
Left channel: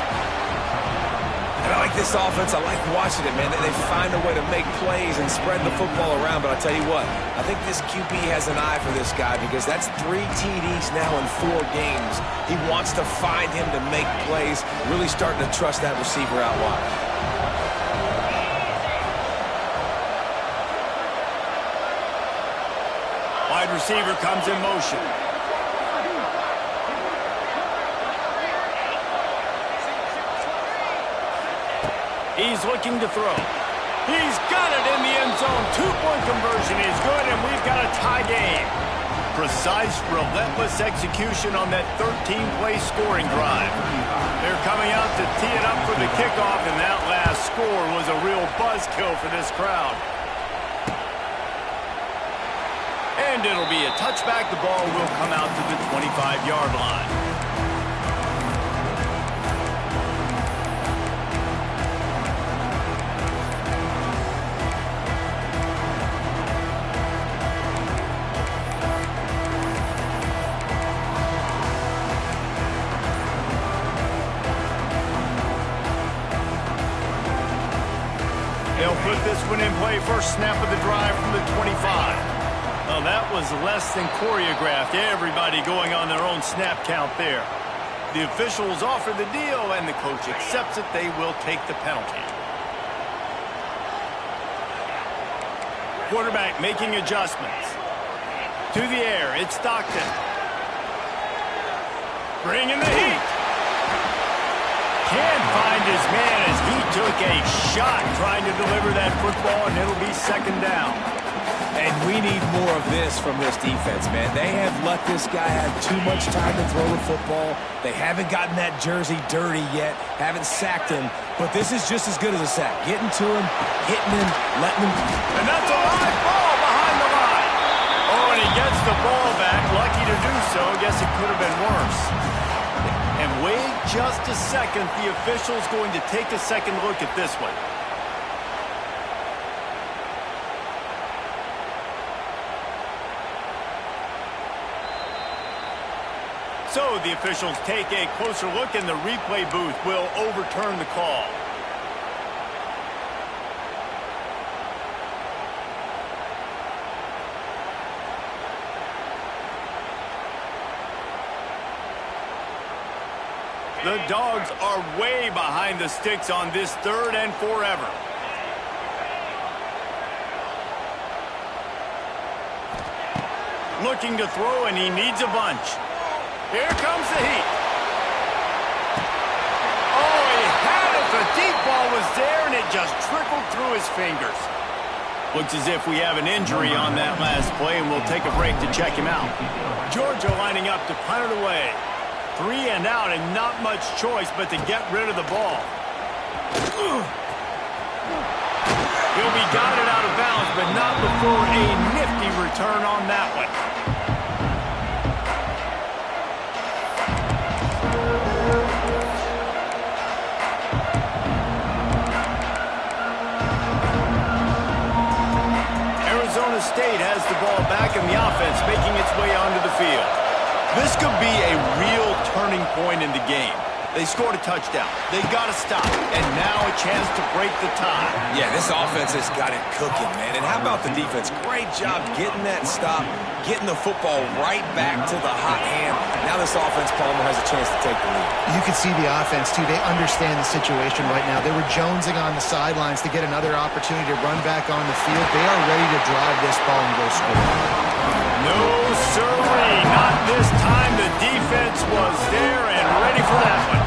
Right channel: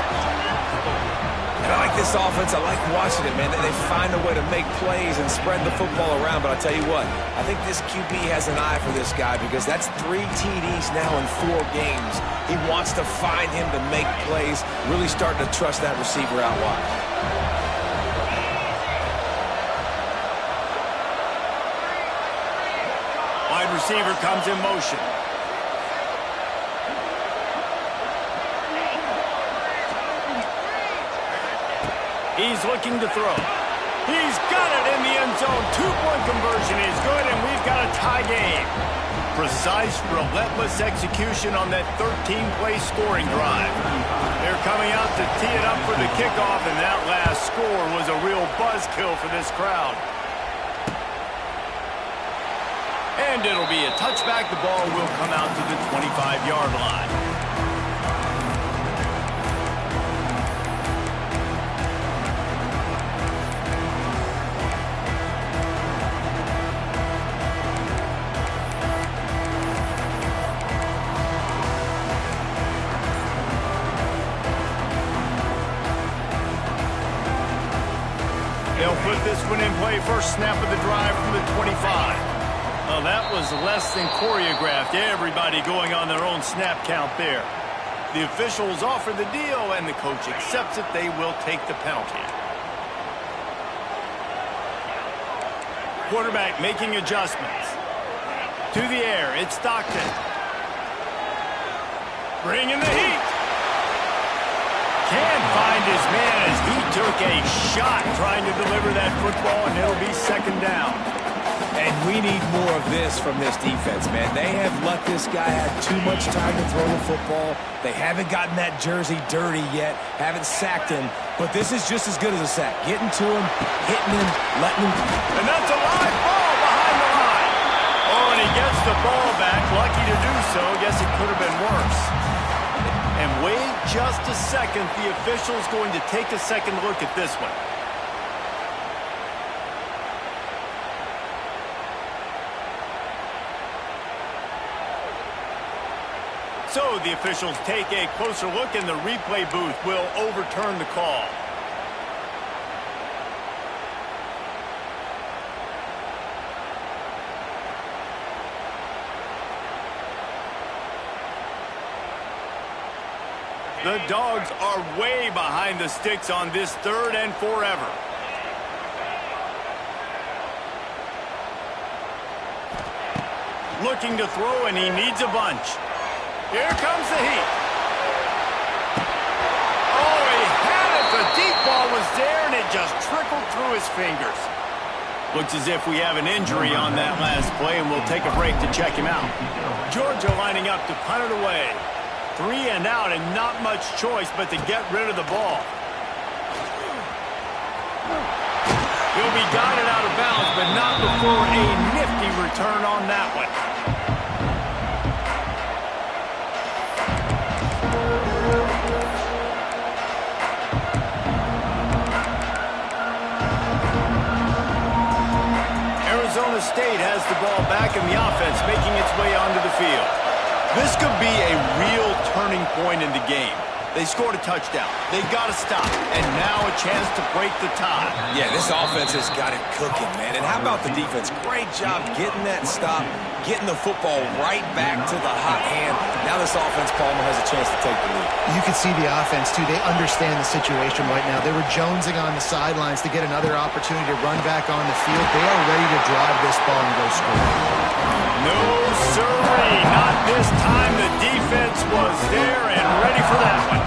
And I like this offense. I like watching it, man. They find a way to make plays and spread the football around. But I'll tell you what, I think this QB has an eye for this guy because that's 3 TDs now in 4 games. He wants to find him to make plays, really starting to trust that receiver out wide. Wide receiver comes in motion. He's looking to throw. He's got it in the end zone. 2-point conversion is good, and we've got a tie game. Precise, relentless execution on that 13-play scoring drive. They're coming out to tee it up for the kickoff, and that last score was a real buzzkill for this crowd. And it'll be a touchback. The ball will come out to the 25-yard line. They'll put this one in play. First snap of the drive from the 25. Well, that was less than choreographed. Everybody going on their own snap count there. The officials offer the deal, and the coach accepts it. They will take the penalty. Quarterback making adjustments. To the air, it's Stockton. Bringing the heat. Can't find his man as he took a shot trying to deliver that football, and it'll be second down. And we need more of this from this defense, man. They have let this guy have too much time to throw the football. They haven't gotten that jersey dirty yet, haven't sacked him. But this is just as good as a sack. Getting to him, hitting him, letting him. And that's a live ball behind the line. Oh, and he gets the ball back. Lucky to do so. Guess it could have been worse. And wait just a second. The official's going to take a second look at this one. So the officials take a closer look, and the replay booth will overturn the call. The Dogs are way behind the sticks on this 3rd and forever. Looking to throw, and he needs a bunch. Here comes the heat. Oh, he had it. The deep ball was there, and it just trickled through his fingers. Looks as if we have an injury on that last play, and we'll take a break to check him out. Georgia lining up to punt it away. 3 and out, and not much choice but to get rid of the ball. He'll be guided out of bounds, but not before a nifty return on that one. State has the ball back in the offense, making its way onto the field. This could be a real turning point in the game. They scored a touchdown. They got to stop. And now a chance to break the tie. Yeah, this offense has got it cooking, man. And how about the defense? Great job getting that stop, getting the football right back to the hot hand. Now this offense, Palmer, has a chance to take the lead. You can see the offense, too. They understand the situation right now. They were jonesing on the sidelines to get another opportunity to run back on the field. They are ready to drive this ball and go score. No, sirree. Not this time. The defense was there and ready for that one.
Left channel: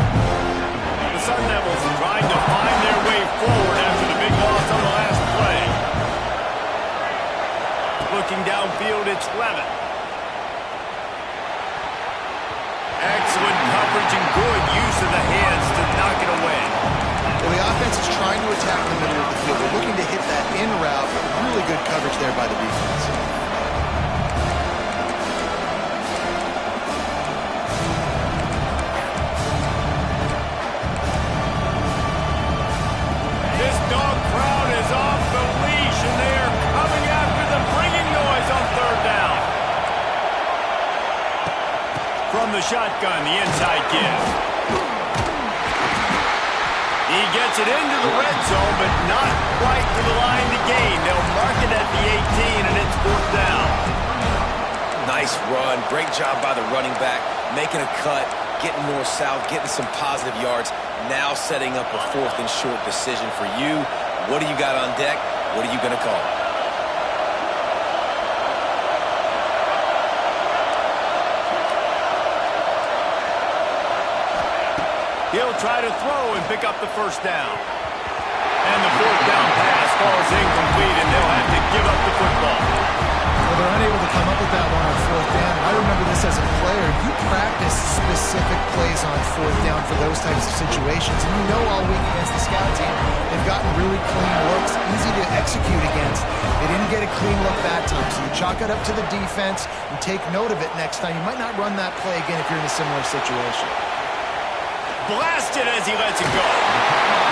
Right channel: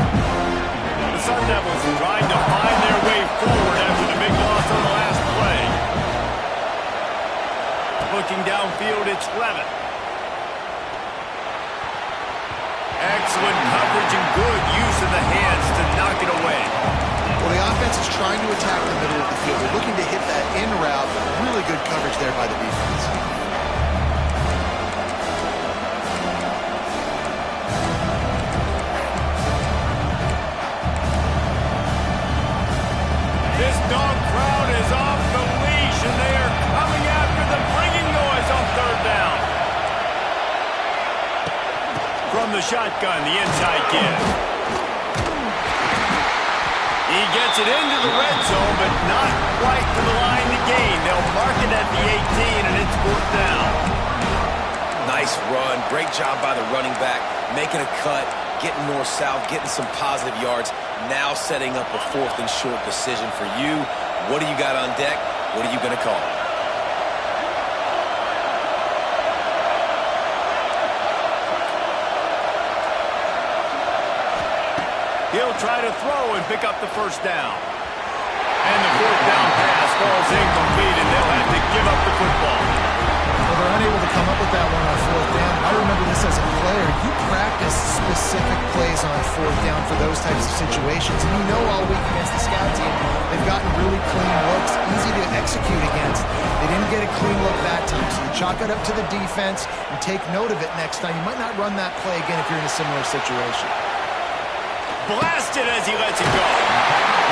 The Sun Devils trying to find their way forward after the big loss on the last play. Looking downfield, it's Levin. Excellent coverage and good use of the hands to knock it away. Well, the offense is trying to attack the middle of the field. They're looking to hit that in route, but really good coverage there by the defense. This dog crowd is off the leash, and they are coming after them, bringing noise on third down. From the shotgun, the inside give. He gets it into the red zone, but not quite to the line to gain. They'll mark it at the 18, and it's fourth down. Nice run. Great job by the running back, making a cut, getting north-south, getting some positive yards. Now setting up a fourth and short decision for you. What do you got on deck? What are you going to call? He'll try to throw and pick up the first down. And the fourth down pass falls incomplete, and they'll have to give up the football. Well, they're unable to come up with that one on fourth down. And I remember this as a player. You practice specific plays on fourth down for those types of situations. And you know all week against the scout team, they've gotten really clean looks, easy to execute against. They didn't get a clean look that time. So you chalk it up to the defense and take note of it next time. You might not run that play again if you're in a similar situation. Blasted as he lets it go.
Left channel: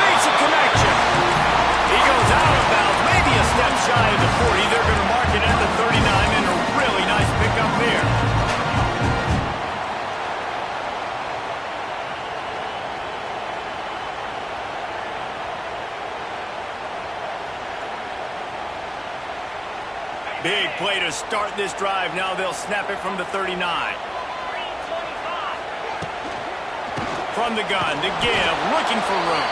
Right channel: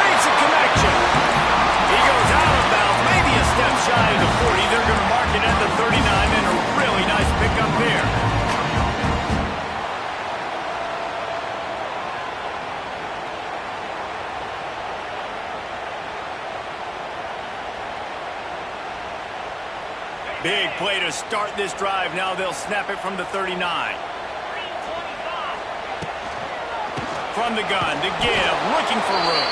Makes a connection. He goes out of bounds, maybe a step shy of the 40. They're going to mark it at the 39, and a really nice pickup there. Big play to start this drive. Now they'll snap it from the 39. From the gun, to give, looking for room.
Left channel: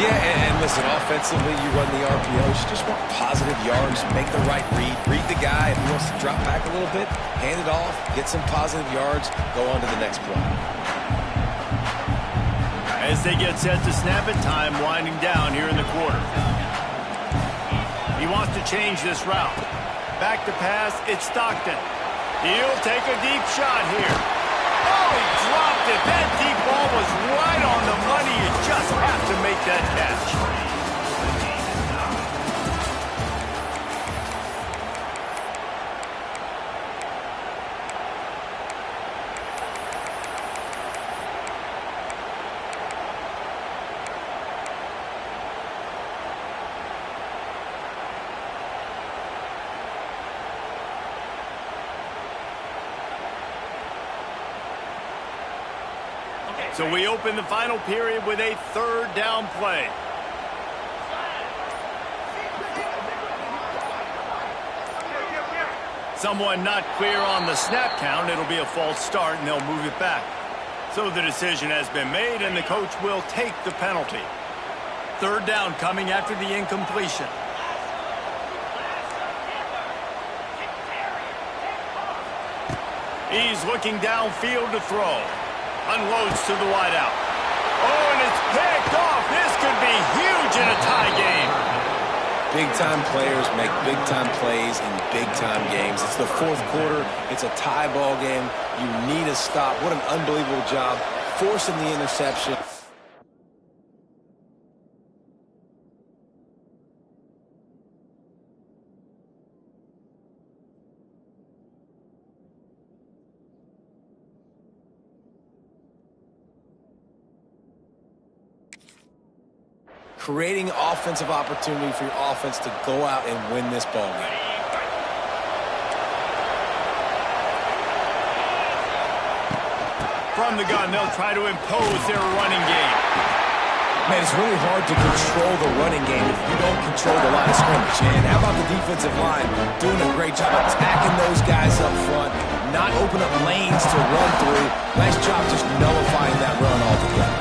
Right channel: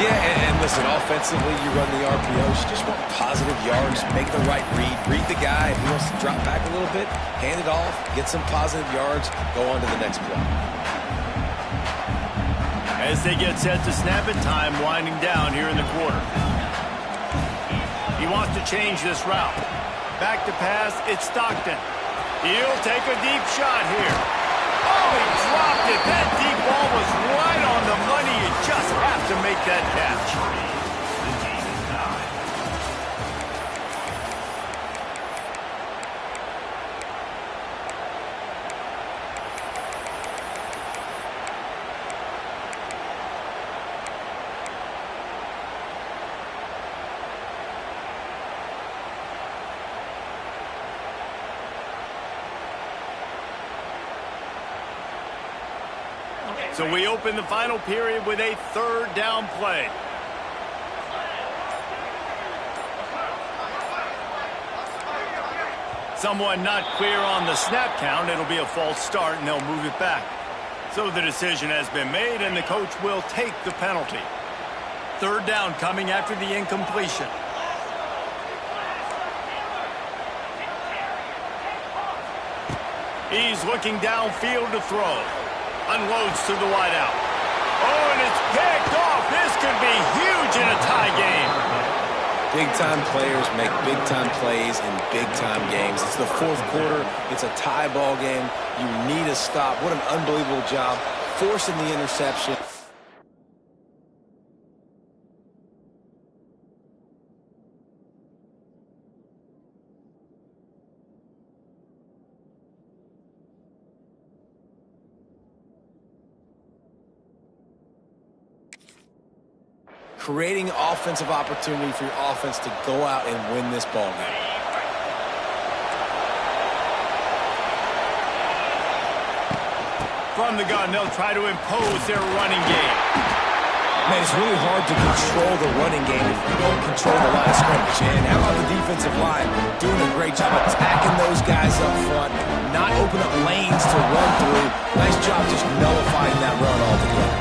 Yeah, and listen, offensively, you run the RPOs. You just want positive yards, make the right read the guy. If he wants to drop back a little bit, hand it off, get some positive yards, go on to the next play. As they get set to snap it, time winding down here in the quarter. He wants to change this route. Back to pass, it's Stockton. He'll take a deep shot here. Oh, he dropped it. That deep ball was right on the money. You just have to make that catch. So we open the final period with a third down play. Someone not clear on the snap count. It'll be a false start, and they'll move it back. So the decision has been made, and the coach will take the penalty. Third down coming after the incompletion. He's looking downfield to throw. Unloads to the wideout. Oh, and it's picked off. This could be huge in a tie game. Big-time players make big-time plays in big-time games. It's the fourth quarter. It's a tie ball game. You need a stop. What an unbelievable job forcing the interception. Creating offensive opportunity for your offense to go out and win this ball game. From the gun, they'll try to impose their running game. Man, it's really hard to control the running game if you don't control the line of scrimmage. And how about the defensive line doing a great job attacking those guys up front, not open up lanes to run through. Nice job just nullifying that run altogether.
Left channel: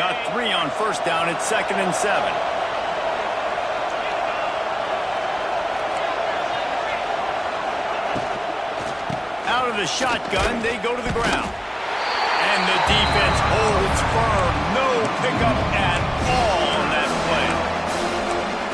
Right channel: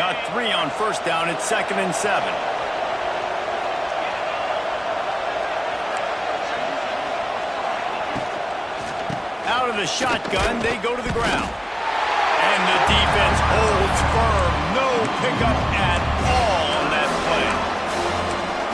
Got 3 on first down. It's 2nd and 7. Out of the shotgun, they go to the ground. And the defense holds firm. No pickup at all on that play.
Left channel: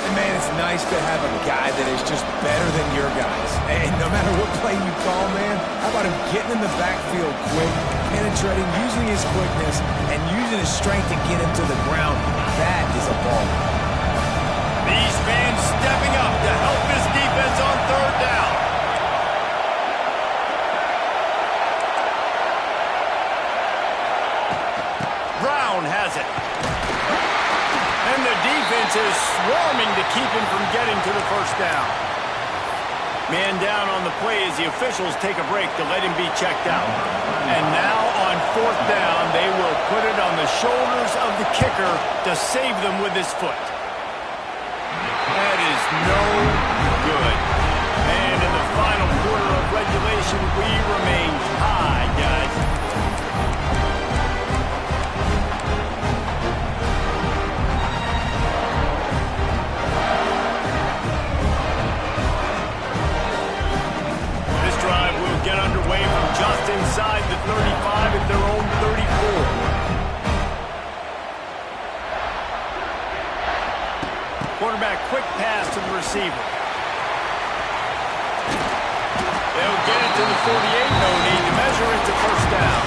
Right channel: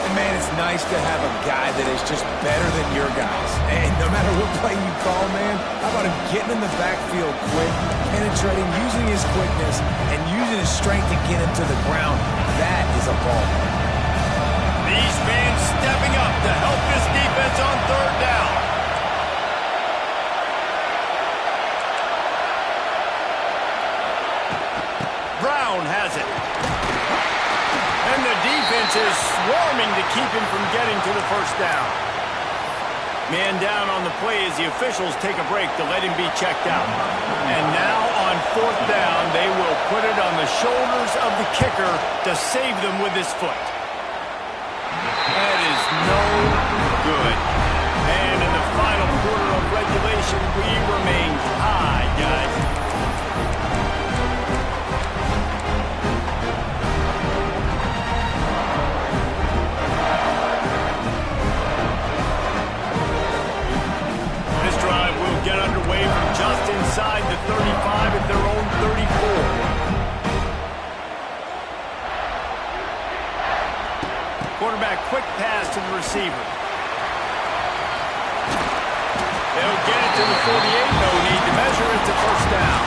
And, man, it's nice to have a guy that is just better than your guys. And no matter what play you call, man, how about him getting in the backfield quick, penetrating, using his quickness, and using his strength to get him to the ground. That is a ball. These fans stepping up to help this defense on 3rd down. Brown has it. And the defense is swarming to keep him from getting to the first down. Man down on the play as the officials take a break to let him be checked out. And now on 4th down, they will put it on the shoulders of the kicker to save them with his foot. That is no good. And in the final quarter of regulation, we remain high, guys. Get underway from just inside the 35 at their own 34. Quarterback quick pass to the receiver. They'll get it to the 48. No need to measure it to first down.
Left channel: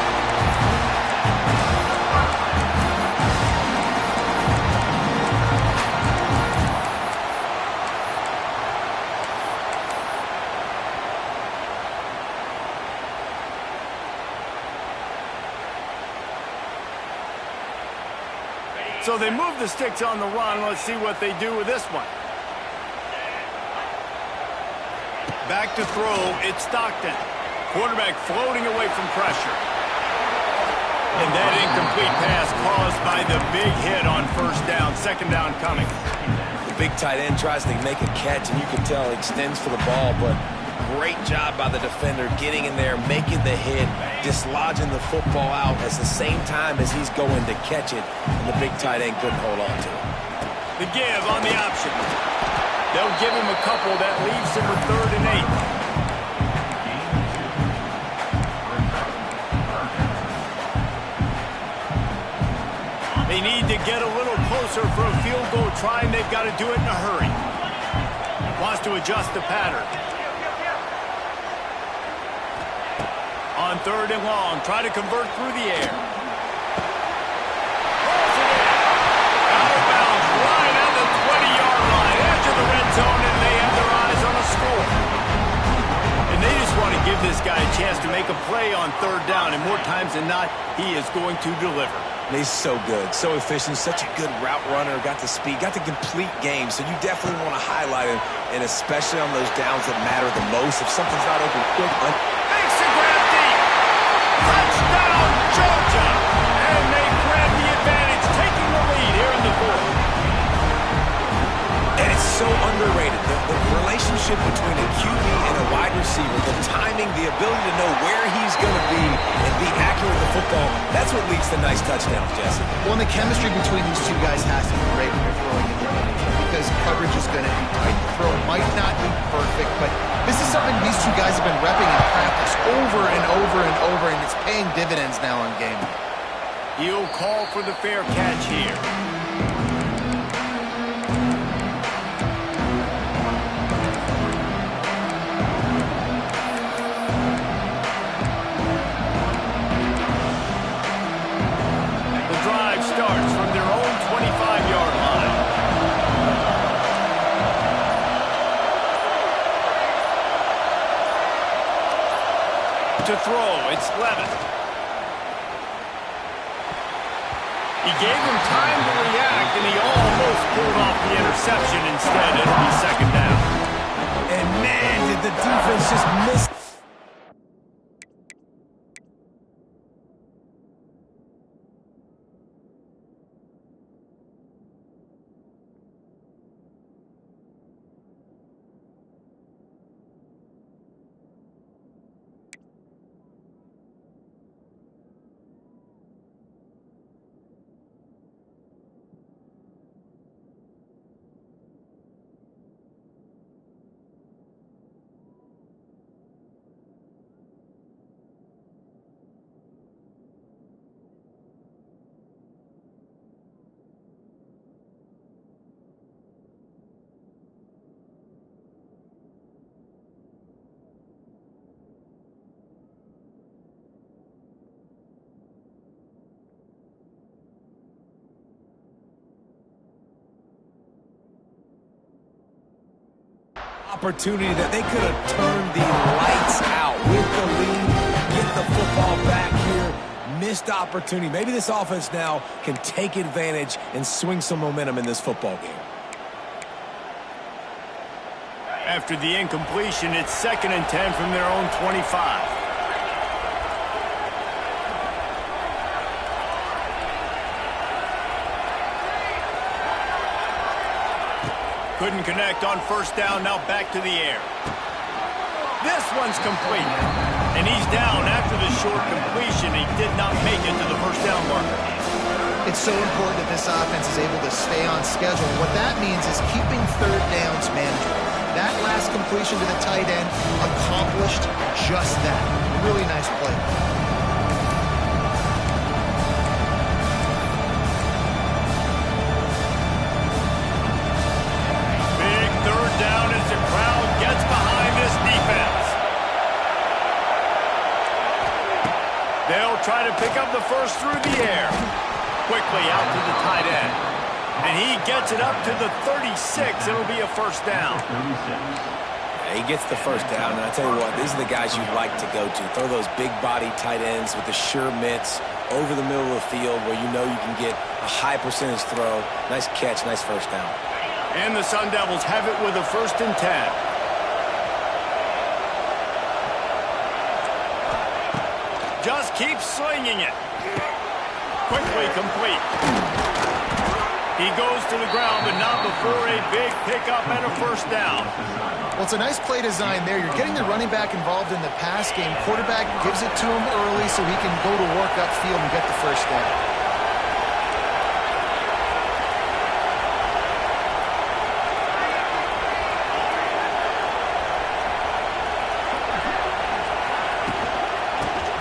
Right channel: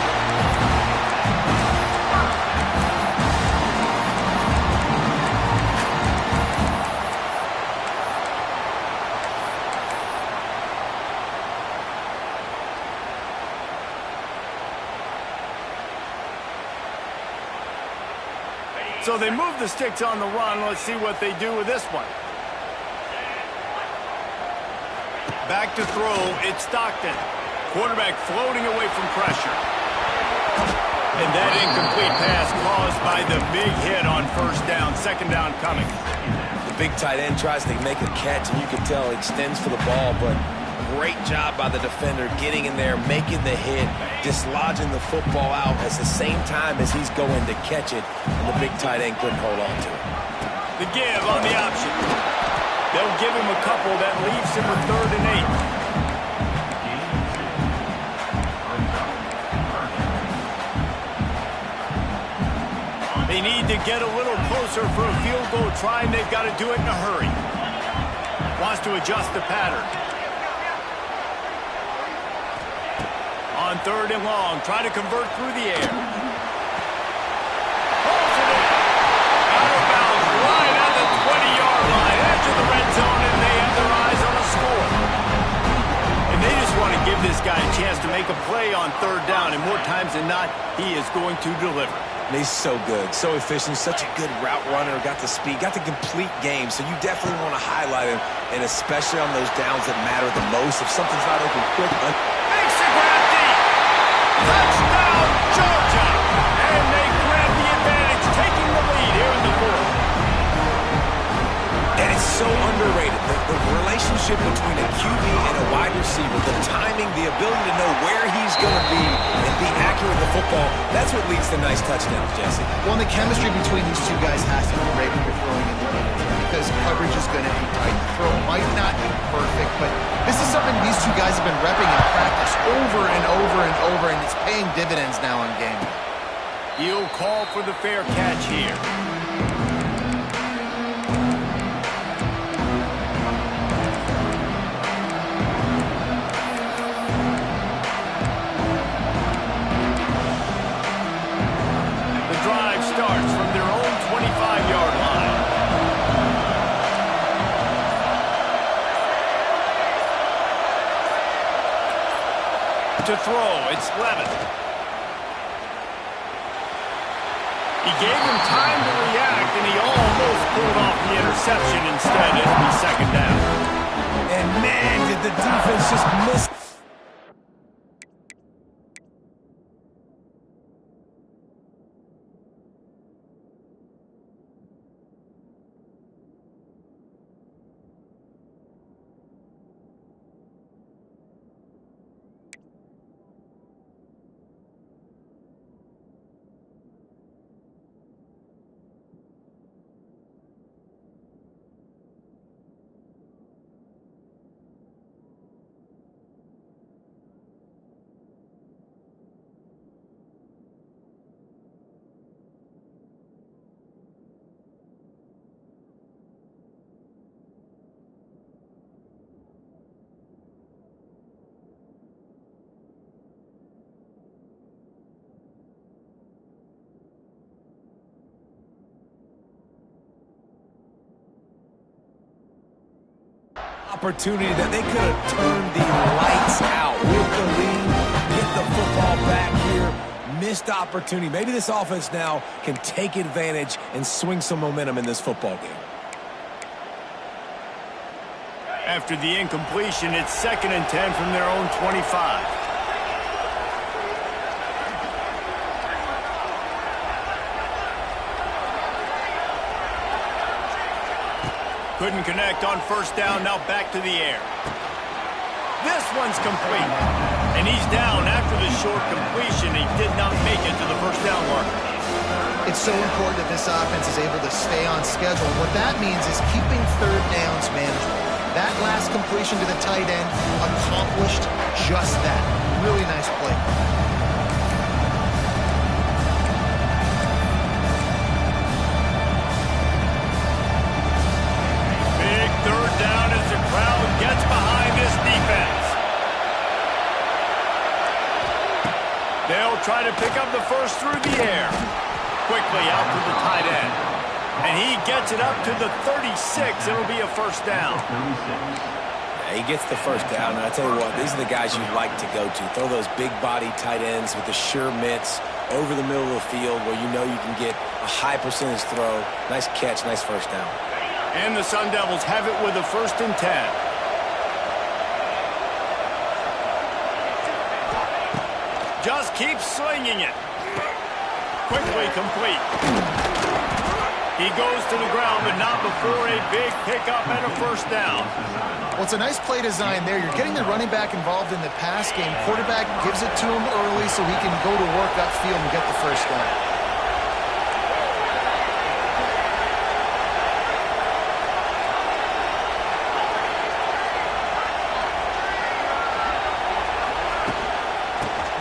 So they move the sticks on the run. Let's see what they do with this one. Back to throw. It's Stockton. Quarterback floating away from pressure. And that incomplete pass caused by the big hit on first down. 2nd down coming. The big tight end tries to make a catch, and you can tell he extends for the ball, but great job by the defender getting in there, making the hit, dislodging the football out at the same time as he's going to catch it, and the big tight end couldn't hold on to it. The give on the option. They'll give him a couple. That leaves him with 3rd and 8. They need to get a little closer for a field goal try, and they've got to do it in a hurry. Wants to adjust the pattern. On 3rd and long, try to convert through the air. Pulls it in. Out of bounds, right at the 20-yard line, edge of the red zone, and they have their eyes on a score. And they just want to give this guy a chance to make a play on 3rd down, and more times than not, he is going to deliver. And he's so good, so efficient, such a good route runner, got the speed, got the complete game, so you definitely want to highlight him, and especially on those downs that matter the most. If something's not open quick, makes the grab deep. Touchdown, Georgia! And they grab the advantage, taking the lead here in the 4th. And it's so underrated. The relationship between a QB and a wide receiver, the timing, the ability to know where he's going to be and be accurate with the football, that's what leads to nice touchdowns, Jesse. Well, and the chemistry between these two guys has to be great when you're throwing in the end zone because coverage is going to be tight. The throw might not be perfect, but this is something these two guys have been repping in practice over and over and over, and it's paying dividends now on game. He'll call for the fair catch here. Drive starts from their own 25-yard line. To throw, it's Levitt. He gave him time to react, and he almost pulled off the interception. Instead, it'll be 2nd down. And man, did the defense just miss. Opportunity that they could have turned the lights out with the lead, get the football back here. Missed opportunity. Maybe this offense now can take advantage and swing some momentum in this football game. After the incompletion, it's 2nd and 10 from their own 25. Couldn't connect on 1st down, now back to the air. This one's complete. And he's down after the short completion. He did not make it to the 1st down marker. It's so important that this offense is able to stay on schedule. And what that means is keeping 3rd downs manageable. That last completion to the tight end accomplished just that. Really nice play. Big 3rd down as the crowd gets behind this defense. They'll try to pick up the first through the air. Quickly out to the tight end. And he gets it up to the 36. It'll be a 1st down. Yeah, he gets the 1st down, and I tell you what, these are the guys you like to go to. Throw those big-body tight ends with the sure mitts over the middle of the field where you know you can get a high percentage throw. Nice catch, nice 1st down. And the Sun Devils have it with a 1st and 10. Just keeps slinging it. Quickly complete. He goes to the ground, but not before a big pickup and a 1st down. Well, it's a nice play design there. You're getting the running back involved in the pass game. Quarterback gives it to him early so he can go to work upfield and get the 1st down.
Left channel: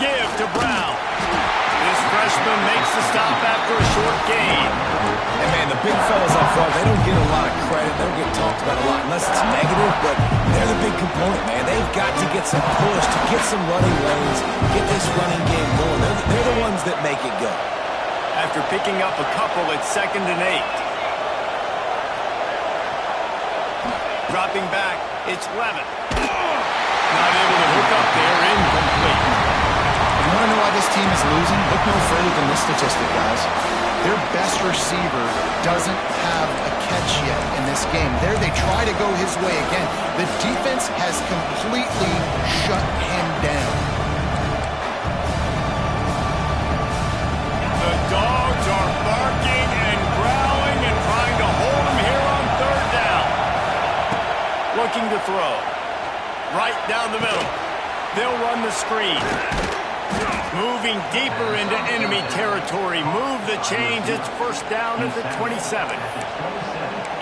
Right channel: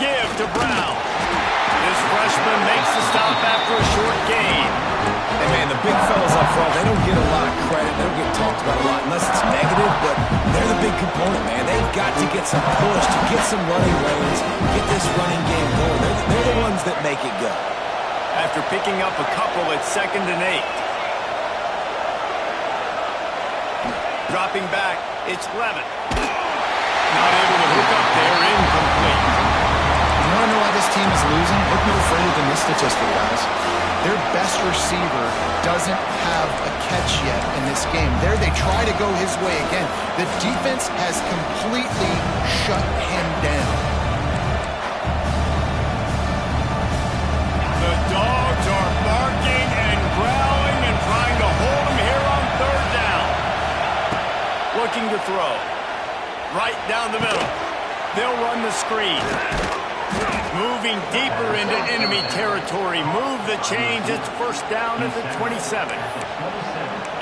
Give to Brown. This freshman makes the stop after a short gain. And, man, the big fellas up front, they don't get a lot of credit. They don't get talked about a lot unless it's negative, but they're the big component, man. They've got to get some push, to get some running lanes, get this running game going. They're the ones that make it go. After picking up a couple, it's 2nd and 8. Dropping back, it's Levitt. Not able to hook up there, incomplete. You want to know why this team is losing? Look no further than this statistic, guys. Their best receiver doesn't have a catch yet in this game. There they try to go his way again. The defense has completely shut him down. The dogs are barking and growling and trying to hold him here on 3rd down. Looking to throw. Right down the middle. They'll run the screen. Moving deeper into enemy territory. Move the change. It's 1st down at the 27.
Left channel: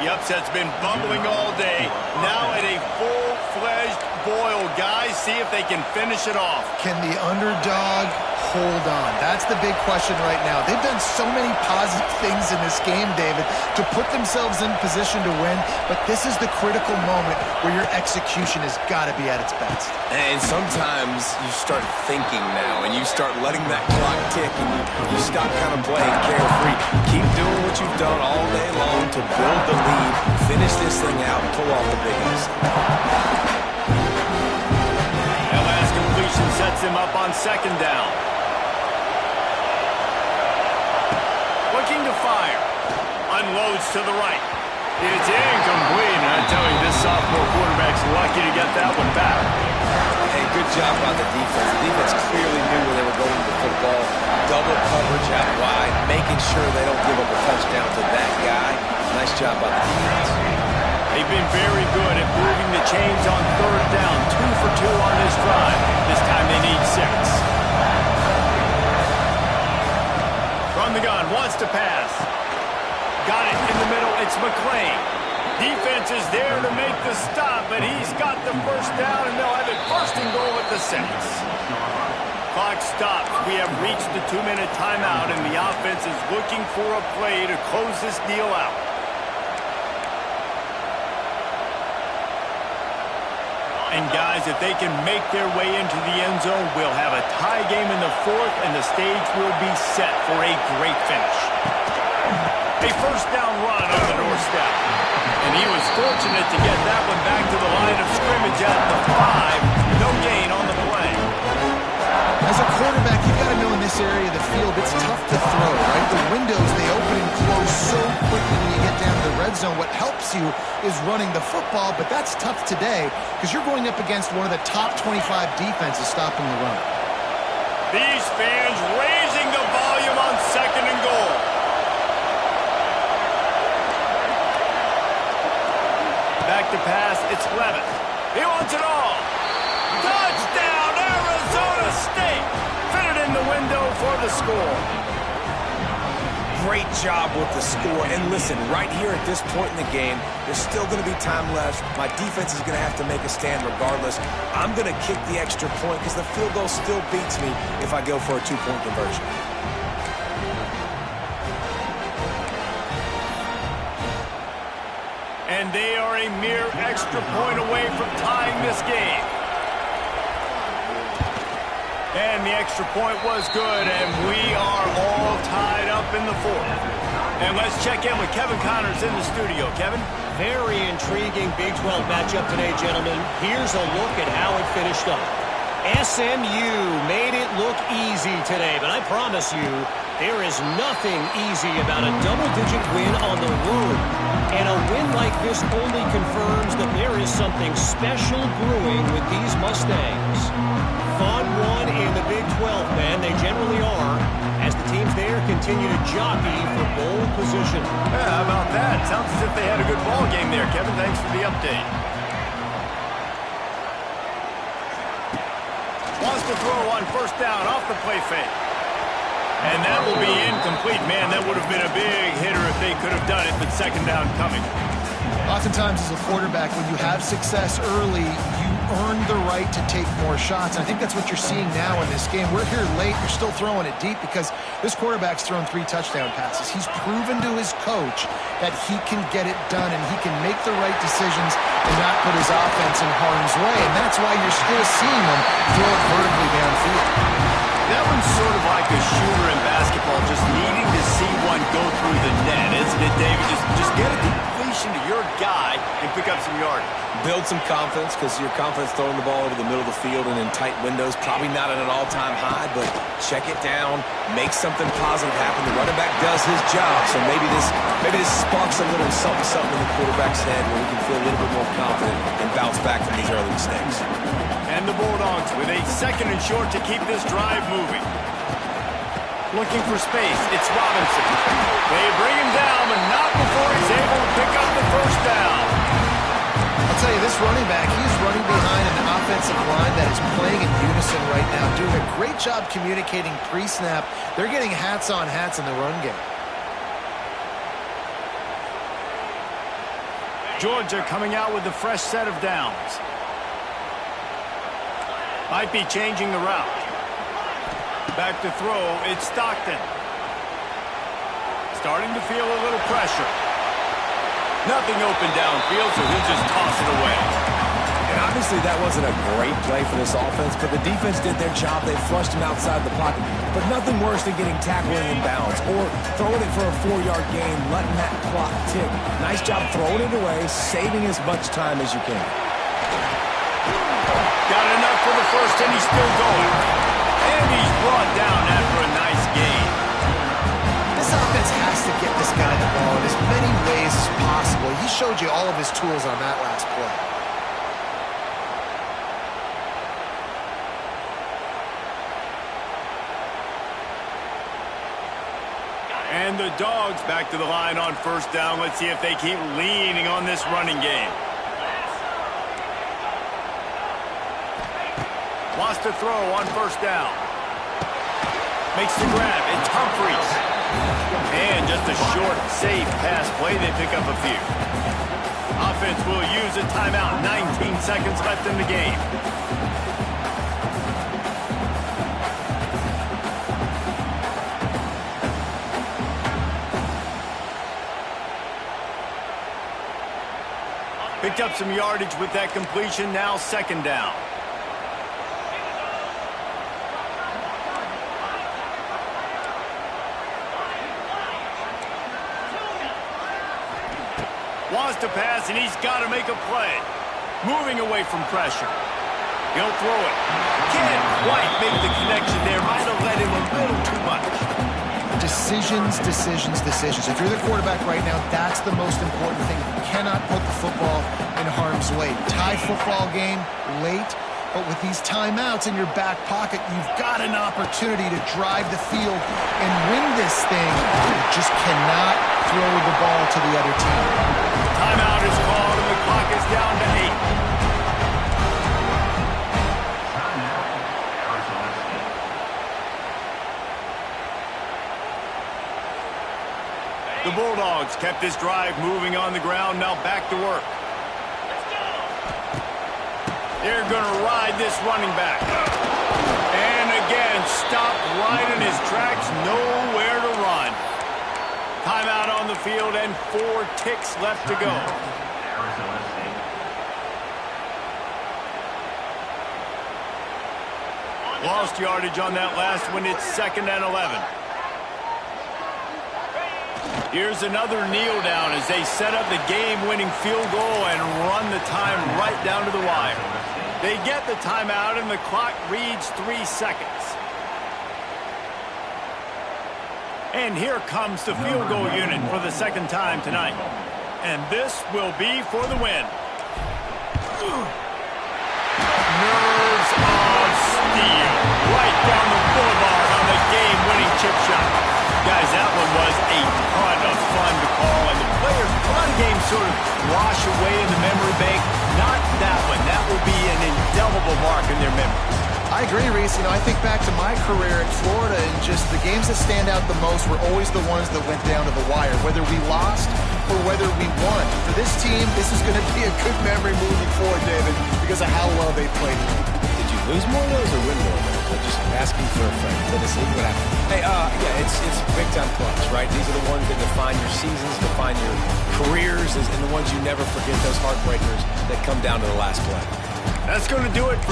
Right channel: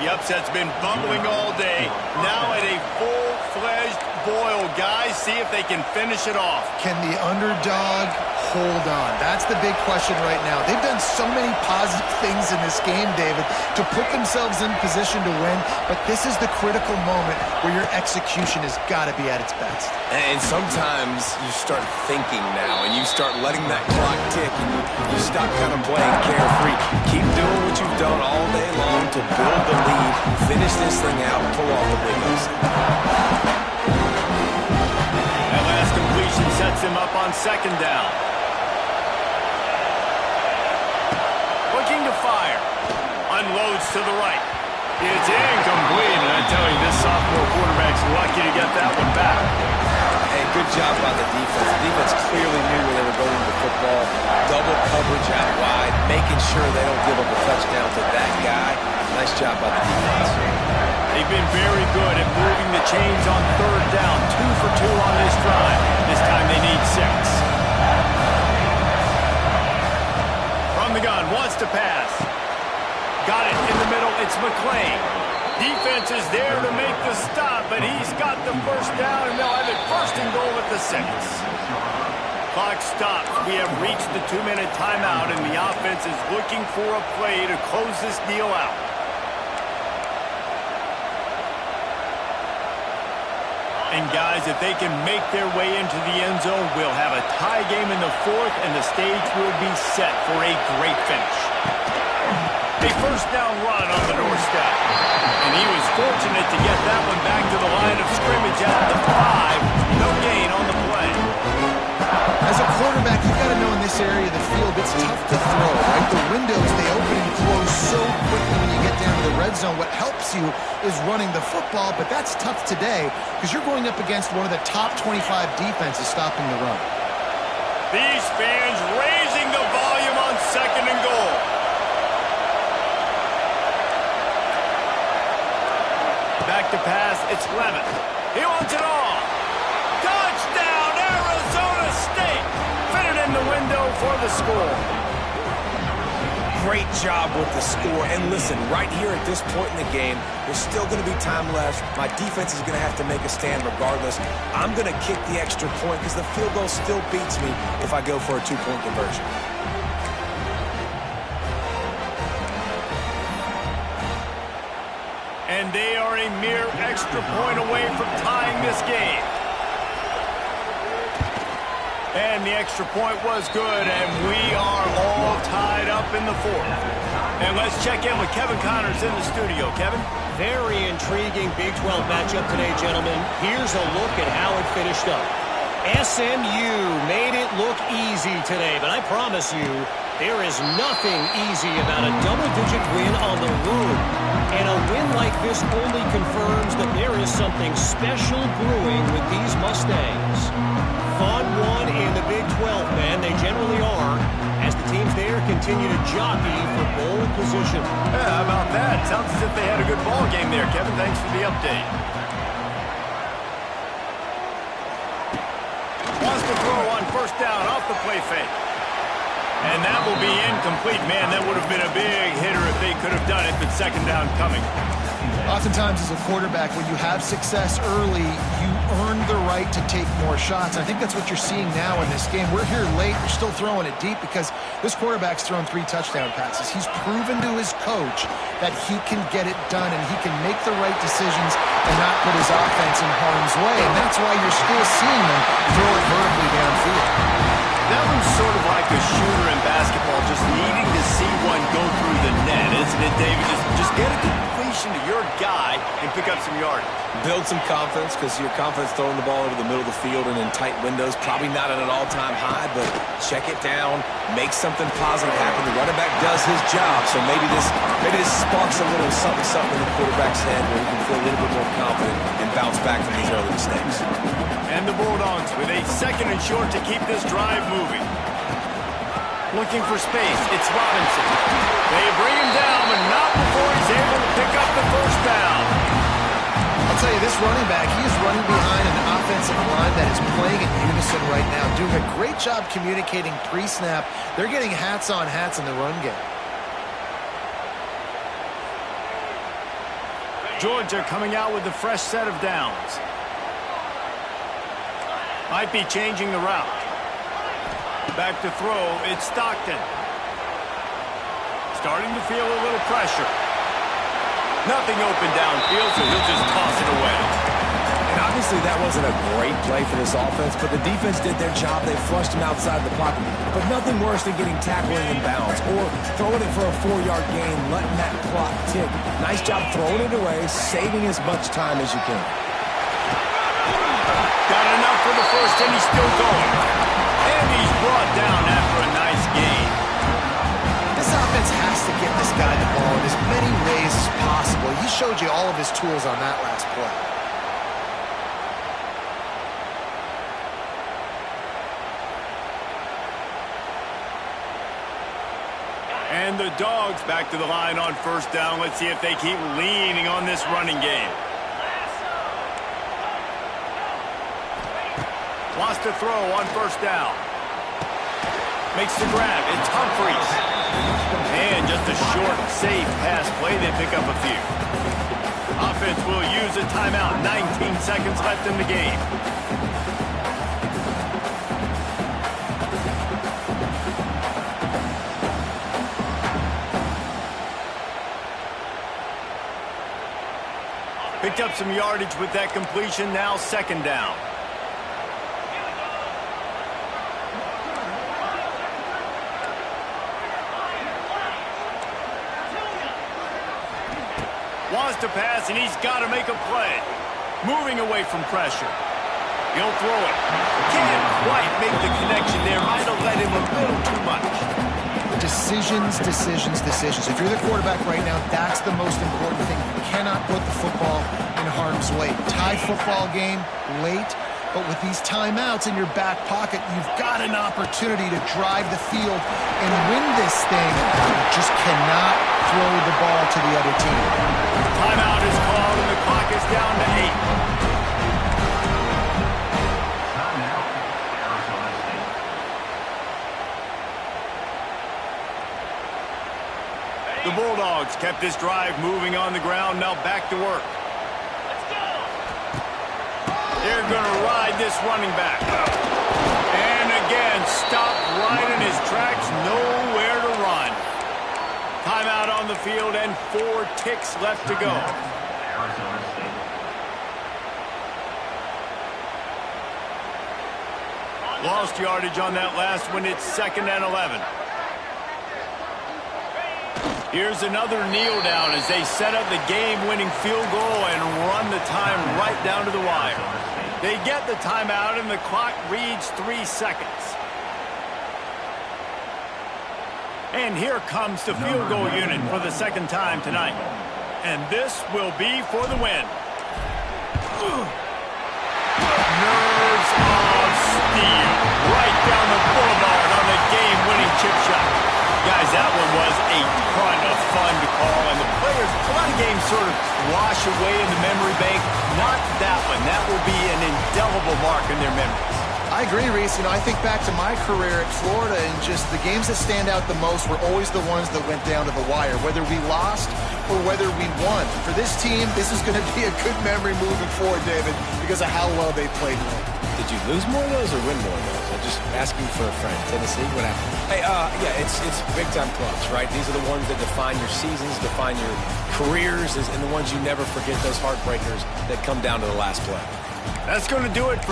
The upset's been bubbling all day. Now at a full-fledged boil. Guys, see if they can finish it off. Can the underdog hold on? That's the big question right now. They've done so many positive things in this game, David, to put themselves in position to win, but this is the critical moment where your execution has got to be at its best. And sometimes you start thinking now, and you start letting that clock tick, and you stop kind of playing carefree. Keep doing what you've done all day long to build the lead, finish this thing out, and pull off the big upset. That last completion sets him up on 2nd down. Looking to fire. Unloads to the right. It's incomplete, and I tell you, this sophomore quarterback's lucky to get that one back. Hey, good job by the defense. The defense clearly knew where they were going with the football. Double coverage out wide, making sure they don't give up a touchdown to that guy. Nice job by the defense. They've been very good at moving the chains on third down. 2 for 2 on this drive. This time they need 6. From the gun, wants to pass. Got it in the middle. It's McClain. Defense is there to make the stop, but he's got the first down, and they'll have it first and goal at the 6. Clock stops. We have reached the 2-minute timeout, and the offense is looking for a play to close this deal out. And guys, if they can make their way into the end zone, we'll have a tie game in the 4th, and the stage will be set for a great finish. A first down run on the doorstep. And he was fortunate to get that one back to the line of scrimmage at the 5. No gain on the play. As a quarterback, you've got to know in this area of the field, it's tough to throw, right? The windows, they open and close so quickly when you get down to the red zone. What helps you is running the football, but that's tough today because you're going up against one of the top 25 defenses stopping the run. These fans raising the volume on 2nd and goal. Back to pass, it's Levitt. He wants it all. Touchdown, Arizona State. Fitted in the window for the score. Great job with the score. And listen, right here at this point in the game, there's still going to be time left. My defense is going to have to make a stand regardless. I'm going to kick the extra point because the field goal still beats me if I go for a 2-point conversion. And they are a mere extra point away from tying this game. And the extra point was good, and we are all tied up in the 4th. And let's check in with Kevin Connors in the studio. Kevin? Very intriguing Big 12 matchup today, gentlemen. Here's a look at how it finished up. SMU made it look easy today, but I promise you, there is nothing easy about a double-digit win on the road. And a win like this only confirms that there is something special brewing with these Mustangs. Fun one in the Big 12, man. They generally are, as the teams there continue to jockey for bowl position. Yeah, how about that? Sounds as if they had a good ball game there, Kevin. Thanks for the update. Wants to throw on first down off the play fake. And that will be incomplete. Man, that would have been a big hitter if they could have done it, but 2nd down coming. Oftentimes as a quarterback, when you have success early, you earn the right to take more shots. And I think that's what you're seeing now in this game. We're here late. You're still throwing it deep because this quarterback's thrown 3 touchdown passes. He's proven to his coach that he can get it done and he can make the right decisions and not put his offense in harm's way. And that's why you're still seeing them throw it vertically downfield. That one's sort of like a shooter in basketball, just needing to see one go through the net, isn't it, David? Just get a completion to your guy and pick up some yardage. Build some confidence because your confidence throwing the ball over the middle of the field and in tight windows, probably not at an all-time high, but check it down, make something positive happen. The running back does his job, so maybe this sparks a little something in the quarterback's head where he can feel a little bit more confident and bounce back from these early mistakes. And the Bulldogs with a 2nd and short to keep this drive moving. Looking for space. It's Robinson. They bring him down, but not before he's able to pick up the first down. I'll tell you, this running back, he's running behind an offensive line that is playing in unison right now, doing a great job communicating pre-snap. They're getting hats on hats in the run game. Georgia coming out with a fresh set of downs. Might be changing the route. Back to throw, it's Stockton. Starting to feel a little pressure. Nothing open downfield, so he'll just toss it away. And obviously that wasn't a great play for this offense, but the defense did their job. They flushed him outside the pocket. But nothing worse than getting tackled in bounds or throwing it for a 4-yard gain, letting that clock tick. Nice job throwing it away, saving as much time as you can. Got enough for the first, and he's still going. And he's brought down after a nice gain. This offense has to get this guy the ball in as many ways as possible. He showed you all of his tools on that last play. And the Dogs back to the line on first down. Let's see if they keep leaning on this running game. Wants to throw on first down. Makes the grab. It's Humphries. And just a short, safe pass play. They pick up a few. Offense will use a timeout. 19 seconds left in the game. Picked up some yardage with that completion. Now second down. Wants to pass, and he's got to make a play. Moving away from pressure. He'll throw it. Can't quite make the connection there. Might have let him a little too much. Decisions, decisions, decisions. If you're the quarterback right now, that's the most important thing. You cannot put the football in harm's way. Tie football game late, but with these timeouts in your back pocket, you've got an opportunity to drive the field and win this thing. You just cannot throw the ball to the other team. Timeout is called, and the clock is down to 8. The Bulldogs kept this drive moving on the ground. Now back to work. Let's go. They're going to ride this running back. And again, stopped right in his tracks. Nowhere to run. Timeout on the field and 4 ticks left to go. Arizona State. Lost yardage on that last one. It's 2nd and 11. Here's another kneel down as they set up the game-winning field goal and run the time right down to the wire. They get the timeout, and the clock reads 3 seconds. And here comes the field goal unit for the second time tonight. And this will be for the win. Nerves of steel. Right down the boulevard on the game-winning chip shot. Guys, that one was a ton of fun to call, and the players, a lot of games sort of wash away in the memory bank. Not that one. That will be an indelible mark in their memories. I agree, Reese. I think back to my career at Florida, and just the games that stand out the most were always the ones that went down to the wire, whether we lost or whether we won. For this team, this is going to be a good memory moving forward, David, because of how well they played late. Did you lose more of those or win more of those? I'm just asking for a friend. Tennessee, what happened? Hey, yeah, it's big-time clubs, right? These are the ones that define your seasons, define your careers, and the ones you never forget, those heartbreakers that come down to the last play. That's going to do it for